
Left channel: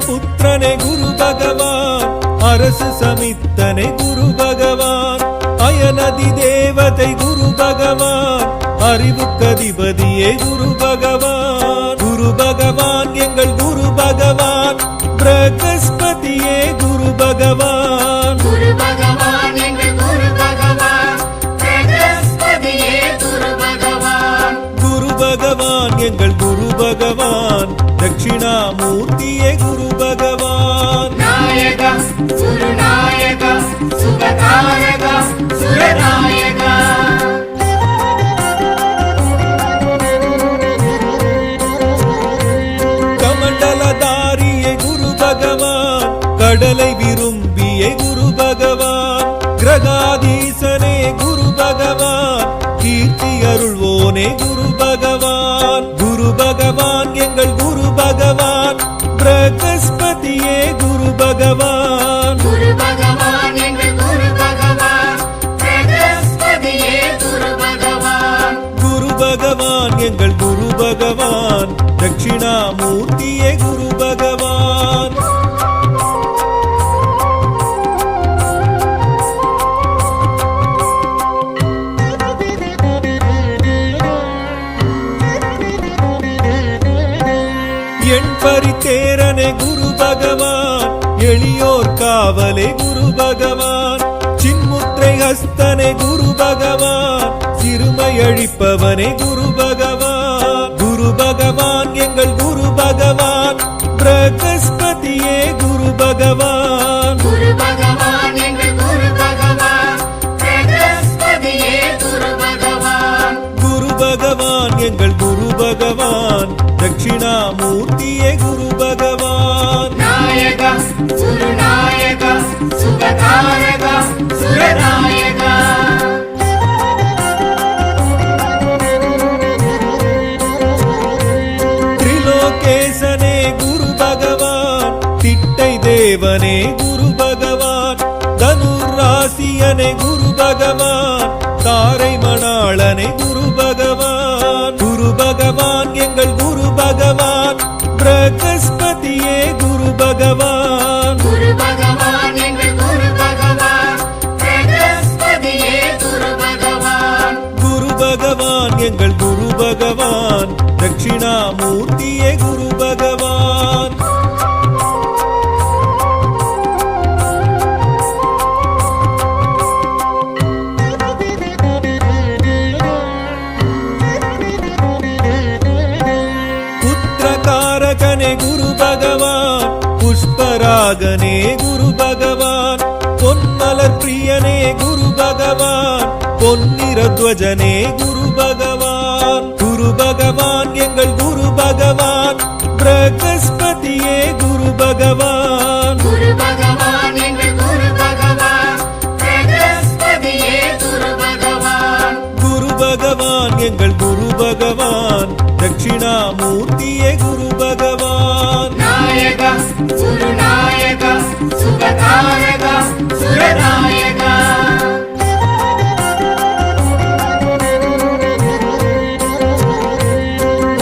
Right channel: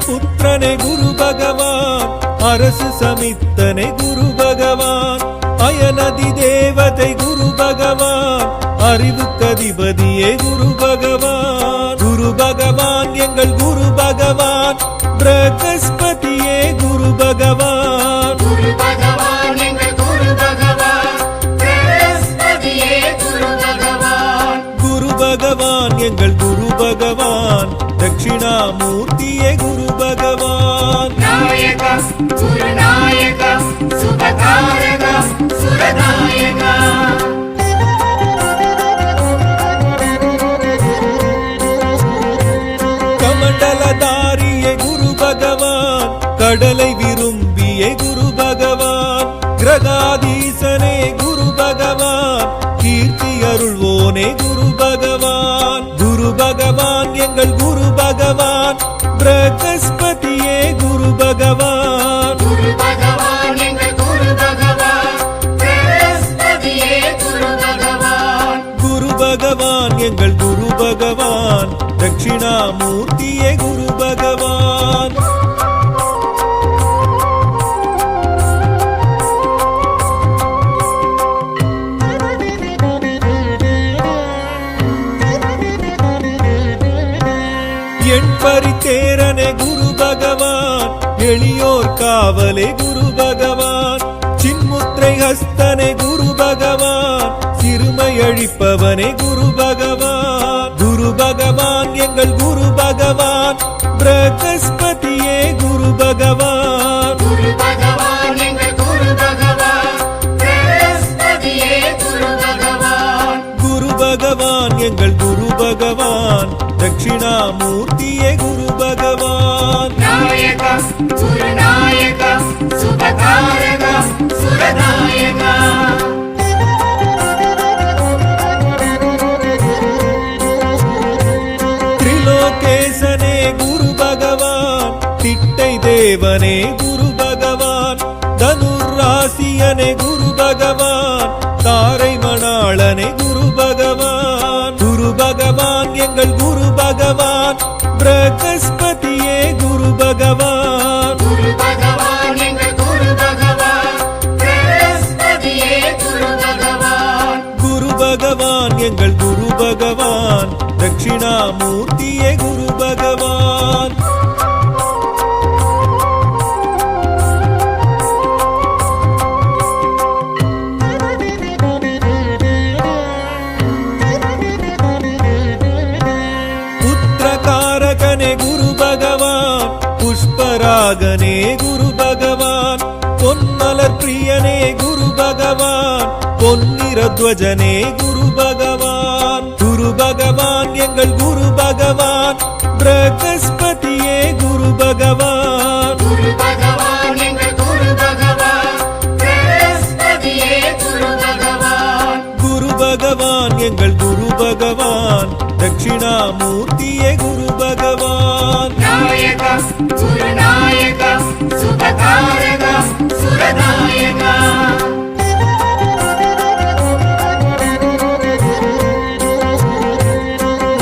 புத்திரனே குரு பகவான் அரசு சமித்தனே குரு பகவான் அயனதி தேவதை குரு பகவான் அறிவுக்கதிபதியே குரு பகவான் குரு பகவான் எங்கள் குரு பகவான் பிரகஸ்பதியே குரு பகவான் குரு பகவான் எங்கள் குரு பகவான் பிரகஸ்பதியே குரு பகவான் குரு பகவான் எங்கள் குரு பகவான் தட்சிணாமூர்த்தியே குரு பகவான் நாயகா குருநாயகா சுபகாரகா சுரநாயகா கமண்டலதாரியே குரு பகவான் கடலை விரும்பியே குரு பகவான் கிரகாதீசனே குரு பகவான் கீர்த்தி அருள்வோனே குரு பகவான் குரு பகவான் எங்கள் குரு பகவான் பிரகஸ்பதியே குரு பகவான் குரு பகவான் எங்கள் குரு பகவான் பிரகஸ்பதியே குரு பகவான் குரு பகவான் எங்கள் குரு பகவான் தட்சிணாமூர்த்தியே குரு பகவான் என் பரித்தேரனே குரு பகவான் எளியோர் காவலே குரு பகவான் சின்முத்திரை ஹஸ்தனே குரு பகவான் சிறுமை அழிப்பவனே குரு பகவான் குரு பகவான் எங்கள் குரு பகவான் பிரகஸ்பதியே குரு பகவான் குரு பகவான் எங்கள் குரு பகவான் பிரகஸ்பதியே குரு பகவான் குரு பகவான் எங்கள் குரு பகவான் தட்சிணாமூர்த்தியே குரு பகவான் நாயகா குருநாயகா சுபகாரகா சுரநாயகா திரிலோகேசனே குரு பகவான் திட்டை தேவனே குரு பகவான் தனுராசியனே குரு பகவான் தாரை மணாளனே குரு பகவான் குரு பகவான் எங்கள் குரு பகவான் பிரகஸ்பதியே குரு பகவான் குரு பகவான் எங்கள் குரு பகவான் பிரகஸ்பதியே குரு பகவான் குரு பகவான் எங்கள் குரு பகவான் தட்சிணாமூர்த்தியே குரு பகவான் புத்திரகாரகனே குரு பகவான் புஷ்பராகனே குரு பகவான் பொன்மலர் பிரியனே குரு பகவான் பொன்னிறத்வஜனே குரு பகவான் குரு பகவான் எங்கள் குரு பகவான் பிரகஸ்பதியே குரு பகவான் குரு பகவான் எங்கள் குரு பகவான் பிரகஸ்பதியே குரு பகவான் குரு பகவான் எங்கள் குரு பகவான் தட்சிணாமூர்த்தியே குரு பகவான் நாயகா குருநாயகா சுபகாரகா சுரநாயகா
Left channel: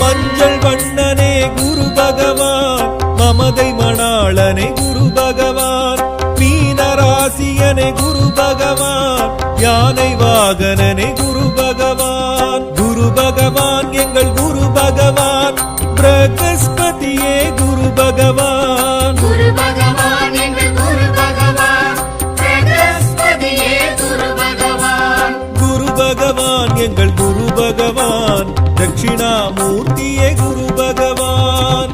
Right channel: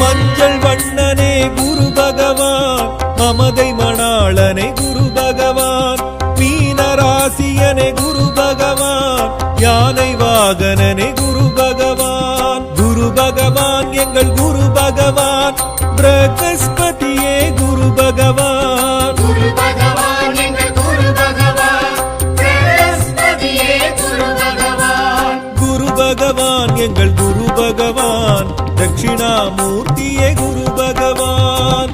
மஞ்சள் வண்ணனே குரு பகவான் மமதை மணாளனே குரு பகவான் மீனராசியனே குரு பகவான் யானை வாகனனே குரு பகவான் குரு பகவான் எங்கள் குரு பகவான் பிரகஸ்பதியே குரு பகவான் குரு பகவான் எங்கள் குரு பகவான் பிரகஸ்பதியே குரு பகவான் குரு பகவான் எங்கள் குரு பகவான் தட்சிணாமூர்த்தியே குரு பகவான்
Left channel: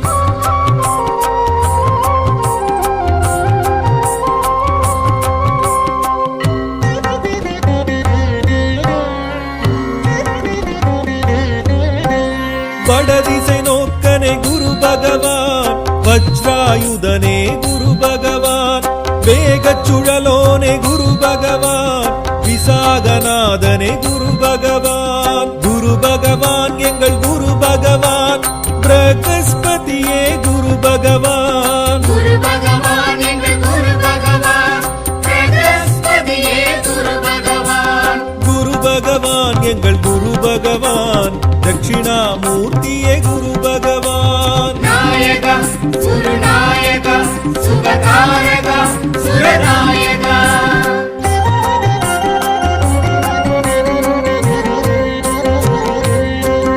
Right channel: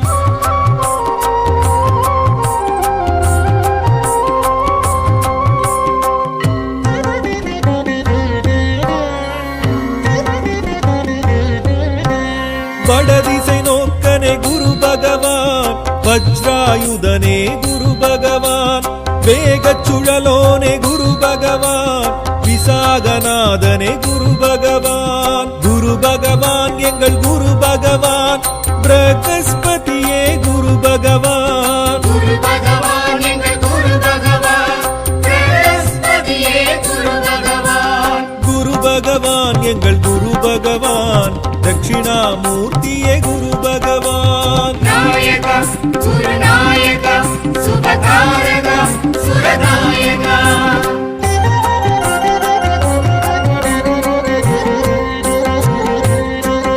வடதிசை நோக்கனே குரு பகவான் வஜ்ராயுதனே குரு பகவான் வேகச் சுழலோனே குரு பகவான் விசாகநாதனே குரு பகவான் குரு பகவான் எங்கள் குரு பகவான் பிரகஸ்பதியே குரு பகவான் குரு பகவான் எங்கள் குரு பகவான் பிரகஸ்பதியே குரு பகவான் குரு பகவான் எங்கள் குரு பகவான் தட்சிணாமூர்த்தியே குரு பகவான் நாயகா குருநாயகா சுபகாரகா சுரநாயகா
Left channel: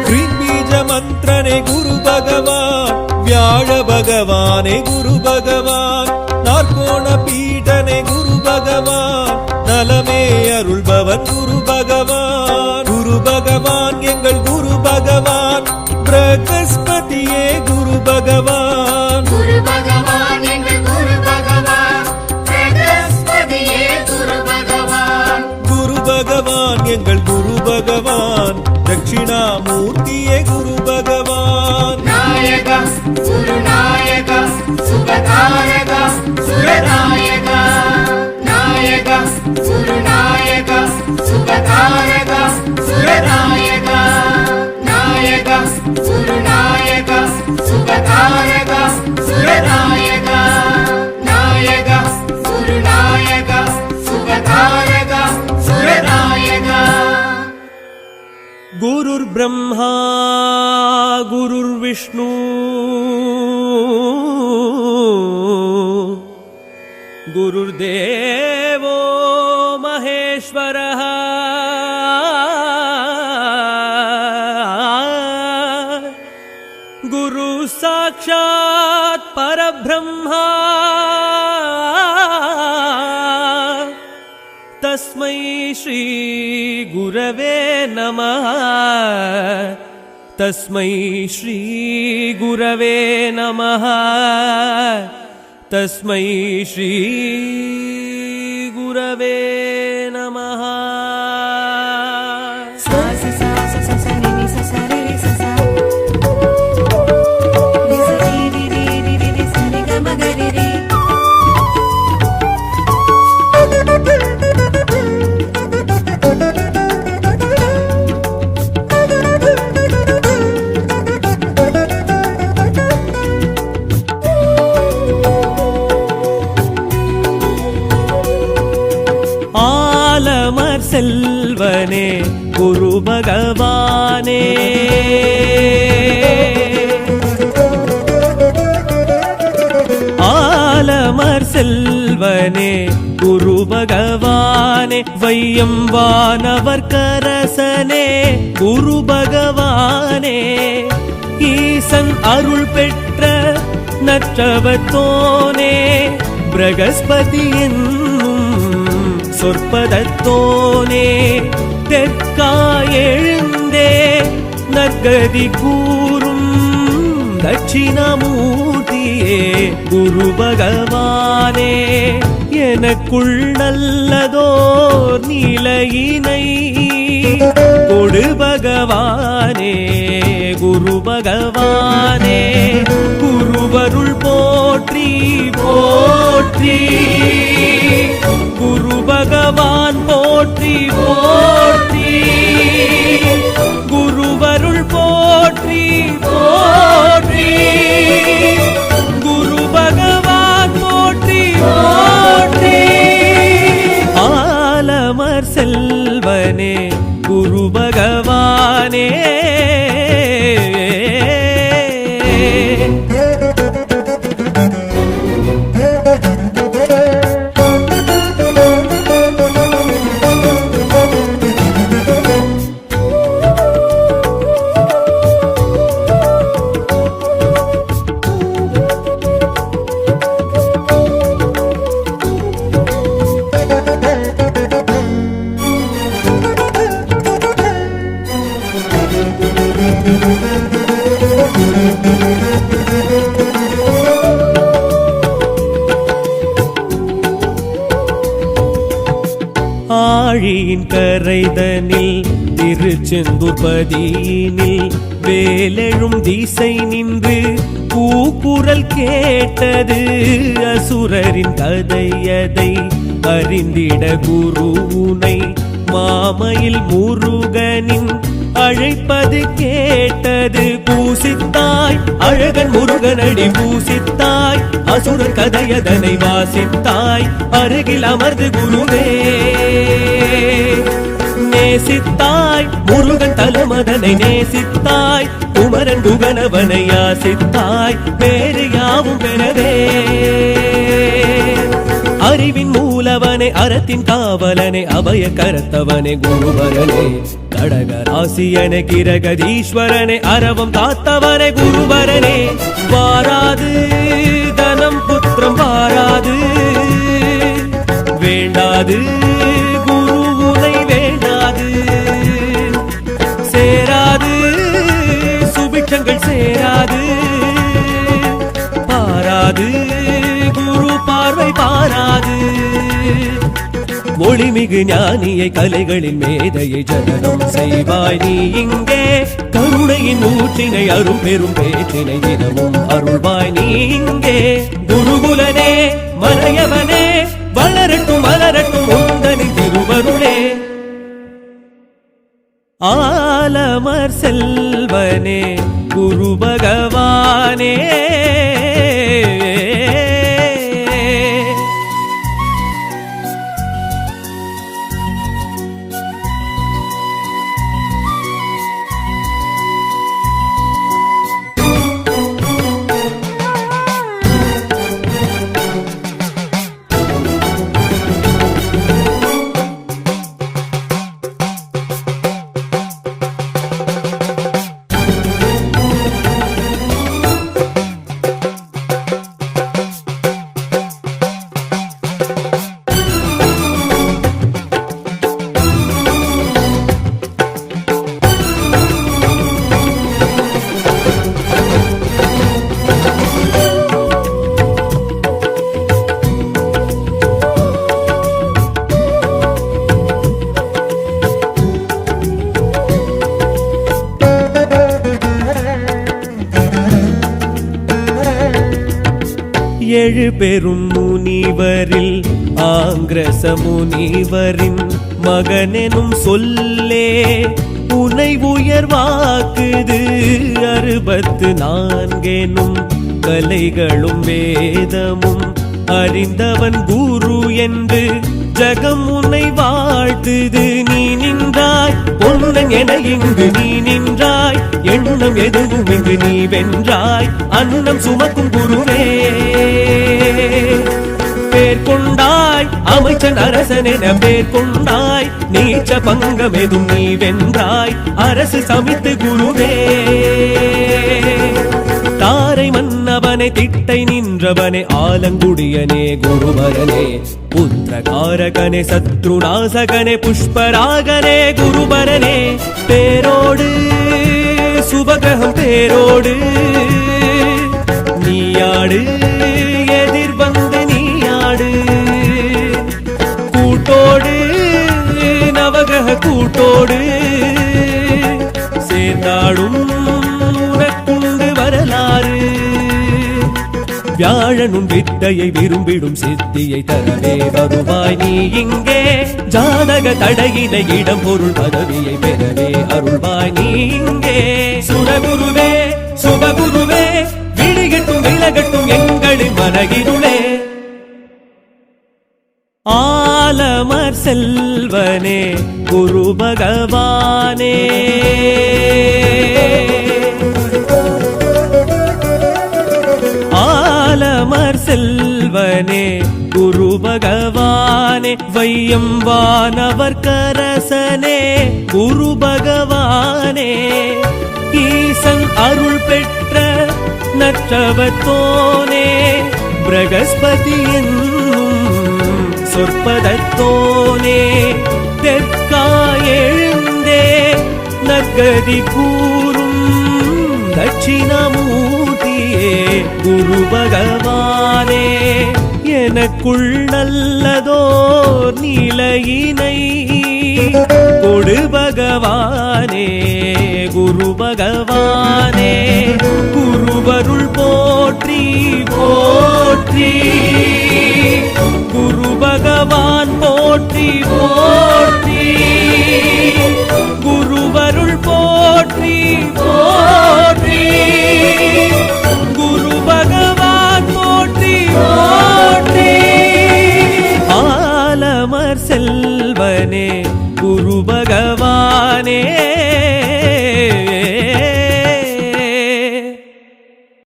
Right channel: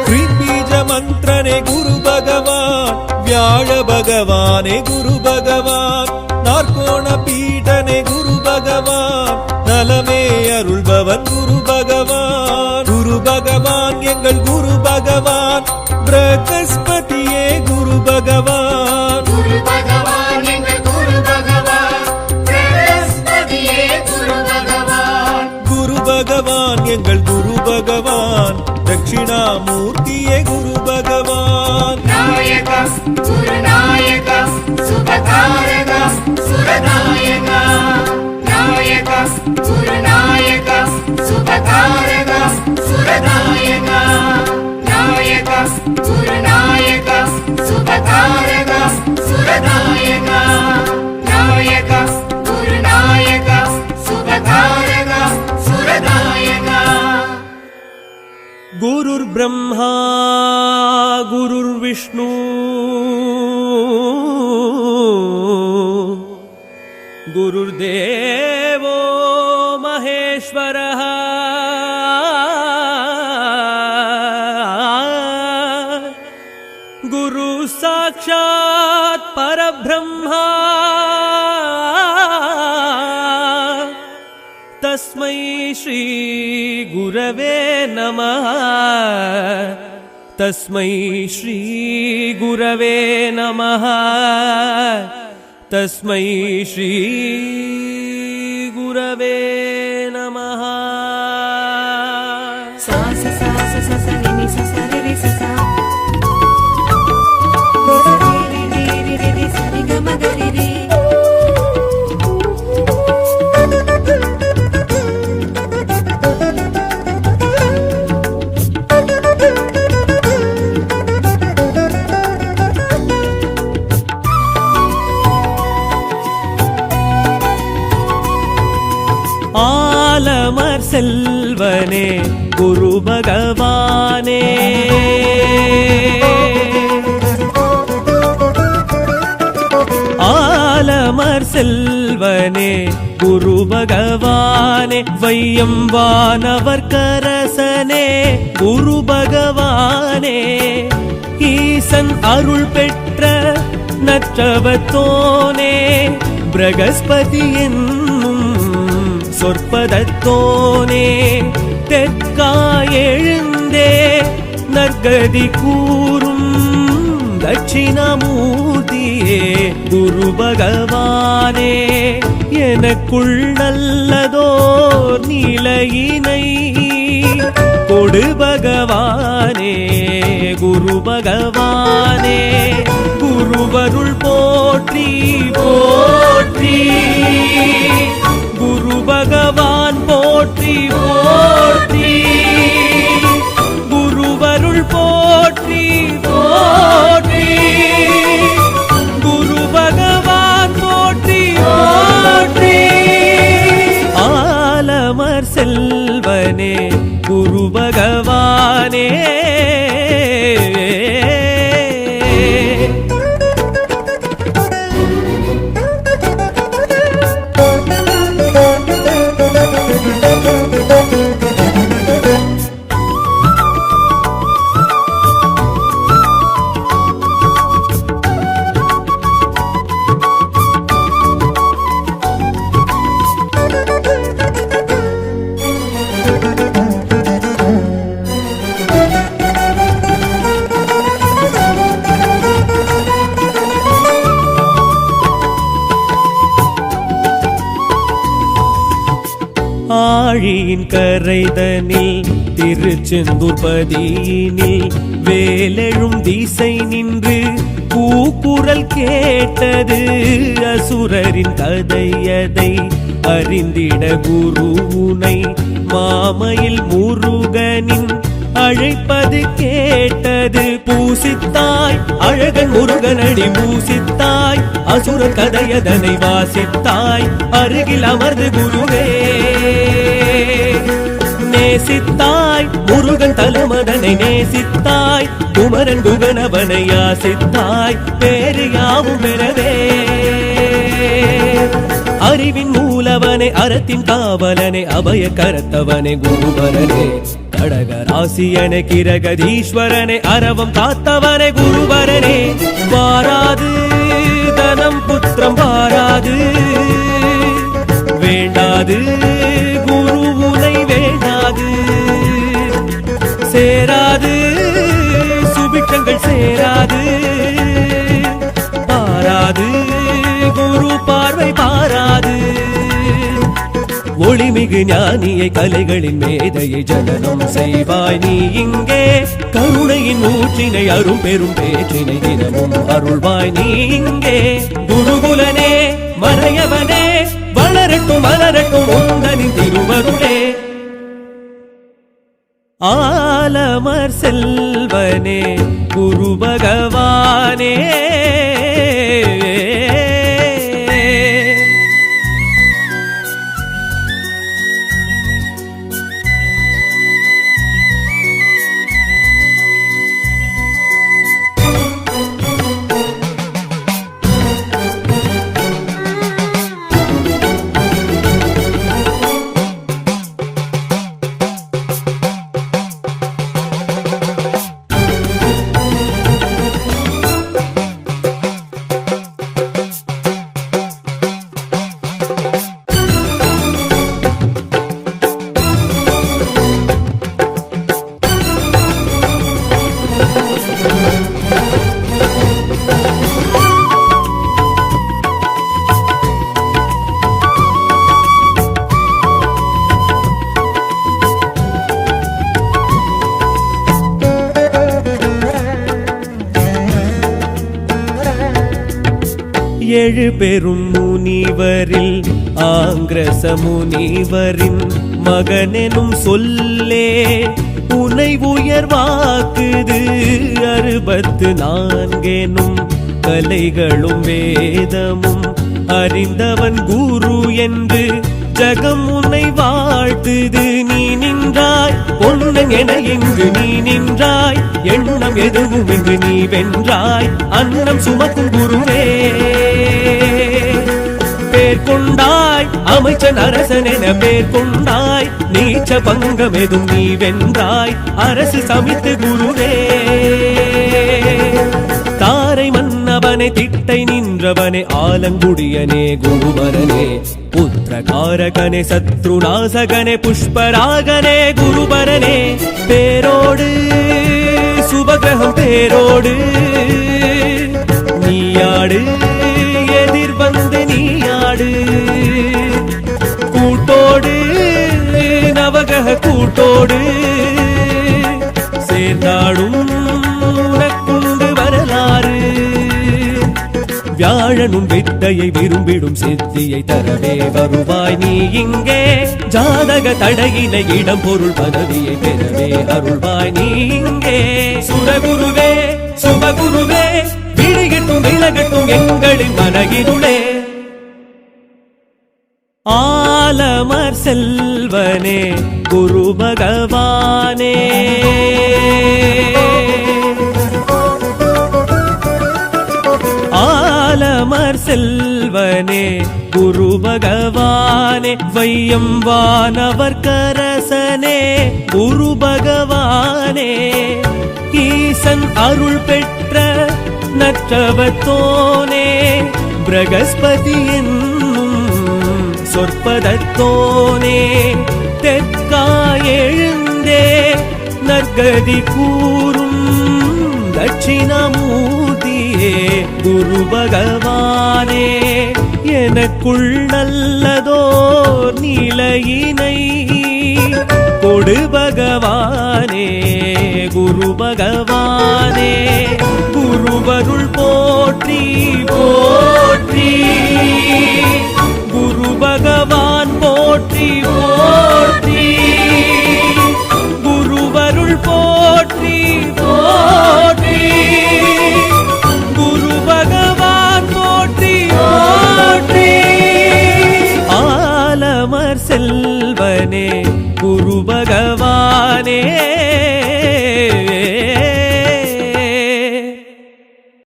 கிரீம்பீஜ மந்திரனே குரு பகவான் வியாழ பகவானே குரு பகவான் நாற்கோண பீடனே குரு பகவான் நலமே அருள்பவன் குரு பகவான் குரு பகவான் எங்கள் குரு பகவான் பிரகஸ்பதியே குரு பகவான் குரு பகவான் எங்கள் குரு பகவான் பிரகஸ்பதியே குரு பகவான் குரு பகவான் எங்கள் குரு பகவான் தட்சிணாமூர்த்தியே குரு பகவான் நாயகா குருநாயகா சுபகாரகா சுரநாயகா நாயகா குருநாயகா சுபகாரகா சுரநாயகா நாயகா குருநாயகா சுபகாரகா சுரநாயகா நாயகா குருநாயகா சுபகாரகா சுரநாயகா गुरुर् ब्रह्मा गुरुर्विष्णु गुरुर्देवो महेश्वरः गुरु साक्षात् परब्रह्मा तस्मै श्री गुरवे नमः तस्मै श्री गुरवे नमः तस्मै श्री गुरवे नमः ஆலமர் செல்வனே குரு பகவானே ஆலமர் செல்வனே குரு பகவானே வையம் வானவர் கரசனே குரு பகவானே ஈசன் அருள் பெற்ற நற்றவத்தோனே பிரகஸ்பதி என்னும் சொற்பதத்தோனே தெற்காயெழுந்தே நற்கதி கூறும் தட்சிணாமூர்த்தியே குரு பகவானே எனக்குள் நல்லதோர் நிலையினை கொடு பகவானே குரு பகவானே குருவருள் போற்றி போற்றி குரு பகவான் போற்றி போற்றி குருவருள் போற்றி போற்றி குரு பகவான் போற்றி போற்றி ஆலமர் செல்வனே குரு பகவானே ஆழியின் கரைதனில் திருச்செந்தூர் பதியினில் வேலெழும் திசை நின்று கூக்குரல் கேட்டது அசுரரின் கதையதை அறிந்திட குருவுனை மாமையில் முருகனின் அழைப்பது கேட்டது பூசித்தாய் அழகன் முருகனடி பூசித்தாய் அசுரர் கதையதனை வாசித்தாய் அருகில் அமர்ந்து குருவே நேசித்தாய் முருகன் தலமதனை நேசித்தாய் குமரன் குகனவனை யாசித்தாய் பேரு யாவும் பெறவே அறிவின் மூலவனே அறத்தின் காவலனே அபய கரத்தவனே குருவரனே கடகராசியனே கிரகதீஸ்வரனே அரவம் காத்தவனே குருவரனே வாராது தனம் புத்திரம் வாராது வேண்டாது குருவுனை வேண்டாது சேராது சுபிட்சங்கள் சேராது பாராது குரு பார்வை பாராது ஒளிமிகு ஞானியை கலைகளின் மேதையை ஜனனம் செய்வாய் நீ இங்கே கருணையின் ஊற்றினை அரும் பெரும் பேற்றினை தினமும் அருள்வாய் நீ இங்கே குருகுலனே மறையவனே வளரட்டும் மலரட்டும் உந்தனின் திருவருளே ஆலமர் செல்வனே குரு பகவானே எழு பெரும் முனிவரில் ஆங்கிரச முனிவரின் மகனெனும் சொல்லே உனை உயர்வாக்குது 64 கலைகளும் வேதமும் அறிந்தவன் குரு என்று ஜகம் உன்னை வாழ்த்துது. நீ நின்றாய் பொன்னன் என இங்கு நீ நின்றாய், எண்ணம் எதுவும் இங்கு நீ வென்றாய், அன்னம் சுமக்கும் குருவே. பேர் கொண்டாய் அமைச்சன் அரசன் என பேர் கொண்டாய், நீச்ச பங்கம் எதும் நீ வென்றாய், அரசு சமித்து குருவே. தாரை மன்னவனே திட்டை நின்றவனே ஆலங்குடியனே குருபரனே, புத்திரகாரகனே சத்ருநாசகனே புஷ்பராகனே குருபரனே. பேரோடு சுபகிரகம் பேரோடு நீயாடு, எதிர் வந்து நீயாடு, கூட்டோடு நவகிரக கூட்டோடு சேர்ந்தாடும் உனக்குண்டு வரலாறு. வியாழனும் வித்தையை விரும்பிடும் சித்தியை தரவே வருவாய் நீ இங்கே, ஜாதக தடையினை இடம் பொருள் பதவியை பெறவே அருள்வாய் நீ இங்கே. சுரகுருவே சுபகுருவே, விடிகட்டும் விலகட்டும் எங்களின் மனகிருளே. ஆலமர் செல்வனே குரு பகவானே, ஆலமர் செல்வனே குரு பகவானே, வையம் வானவர் கரசனே குரு பகவானே. ஈசன் அருள் பெற்ற நற்றவத்தோனே, பிரகஸ்பதி என்னும் சொற்பதத்தோனே, தெற்காயெழுந்தே நற்கதி கூறும் தட்சிணாமூர்த்தியே குரு பகவானே. எனக்குள் நல்லதோர் நிலையினை கொடு பகவானே குரு பகவானே. குருவருள் போற்றி போற்றி, குரு பகவான் போற்றி போற்றி, குருவருள் போற்றி போற்றி, குரு பகவான் போற்றி போற்றி. ஆலமர் செல்வனே குரு பகவானே.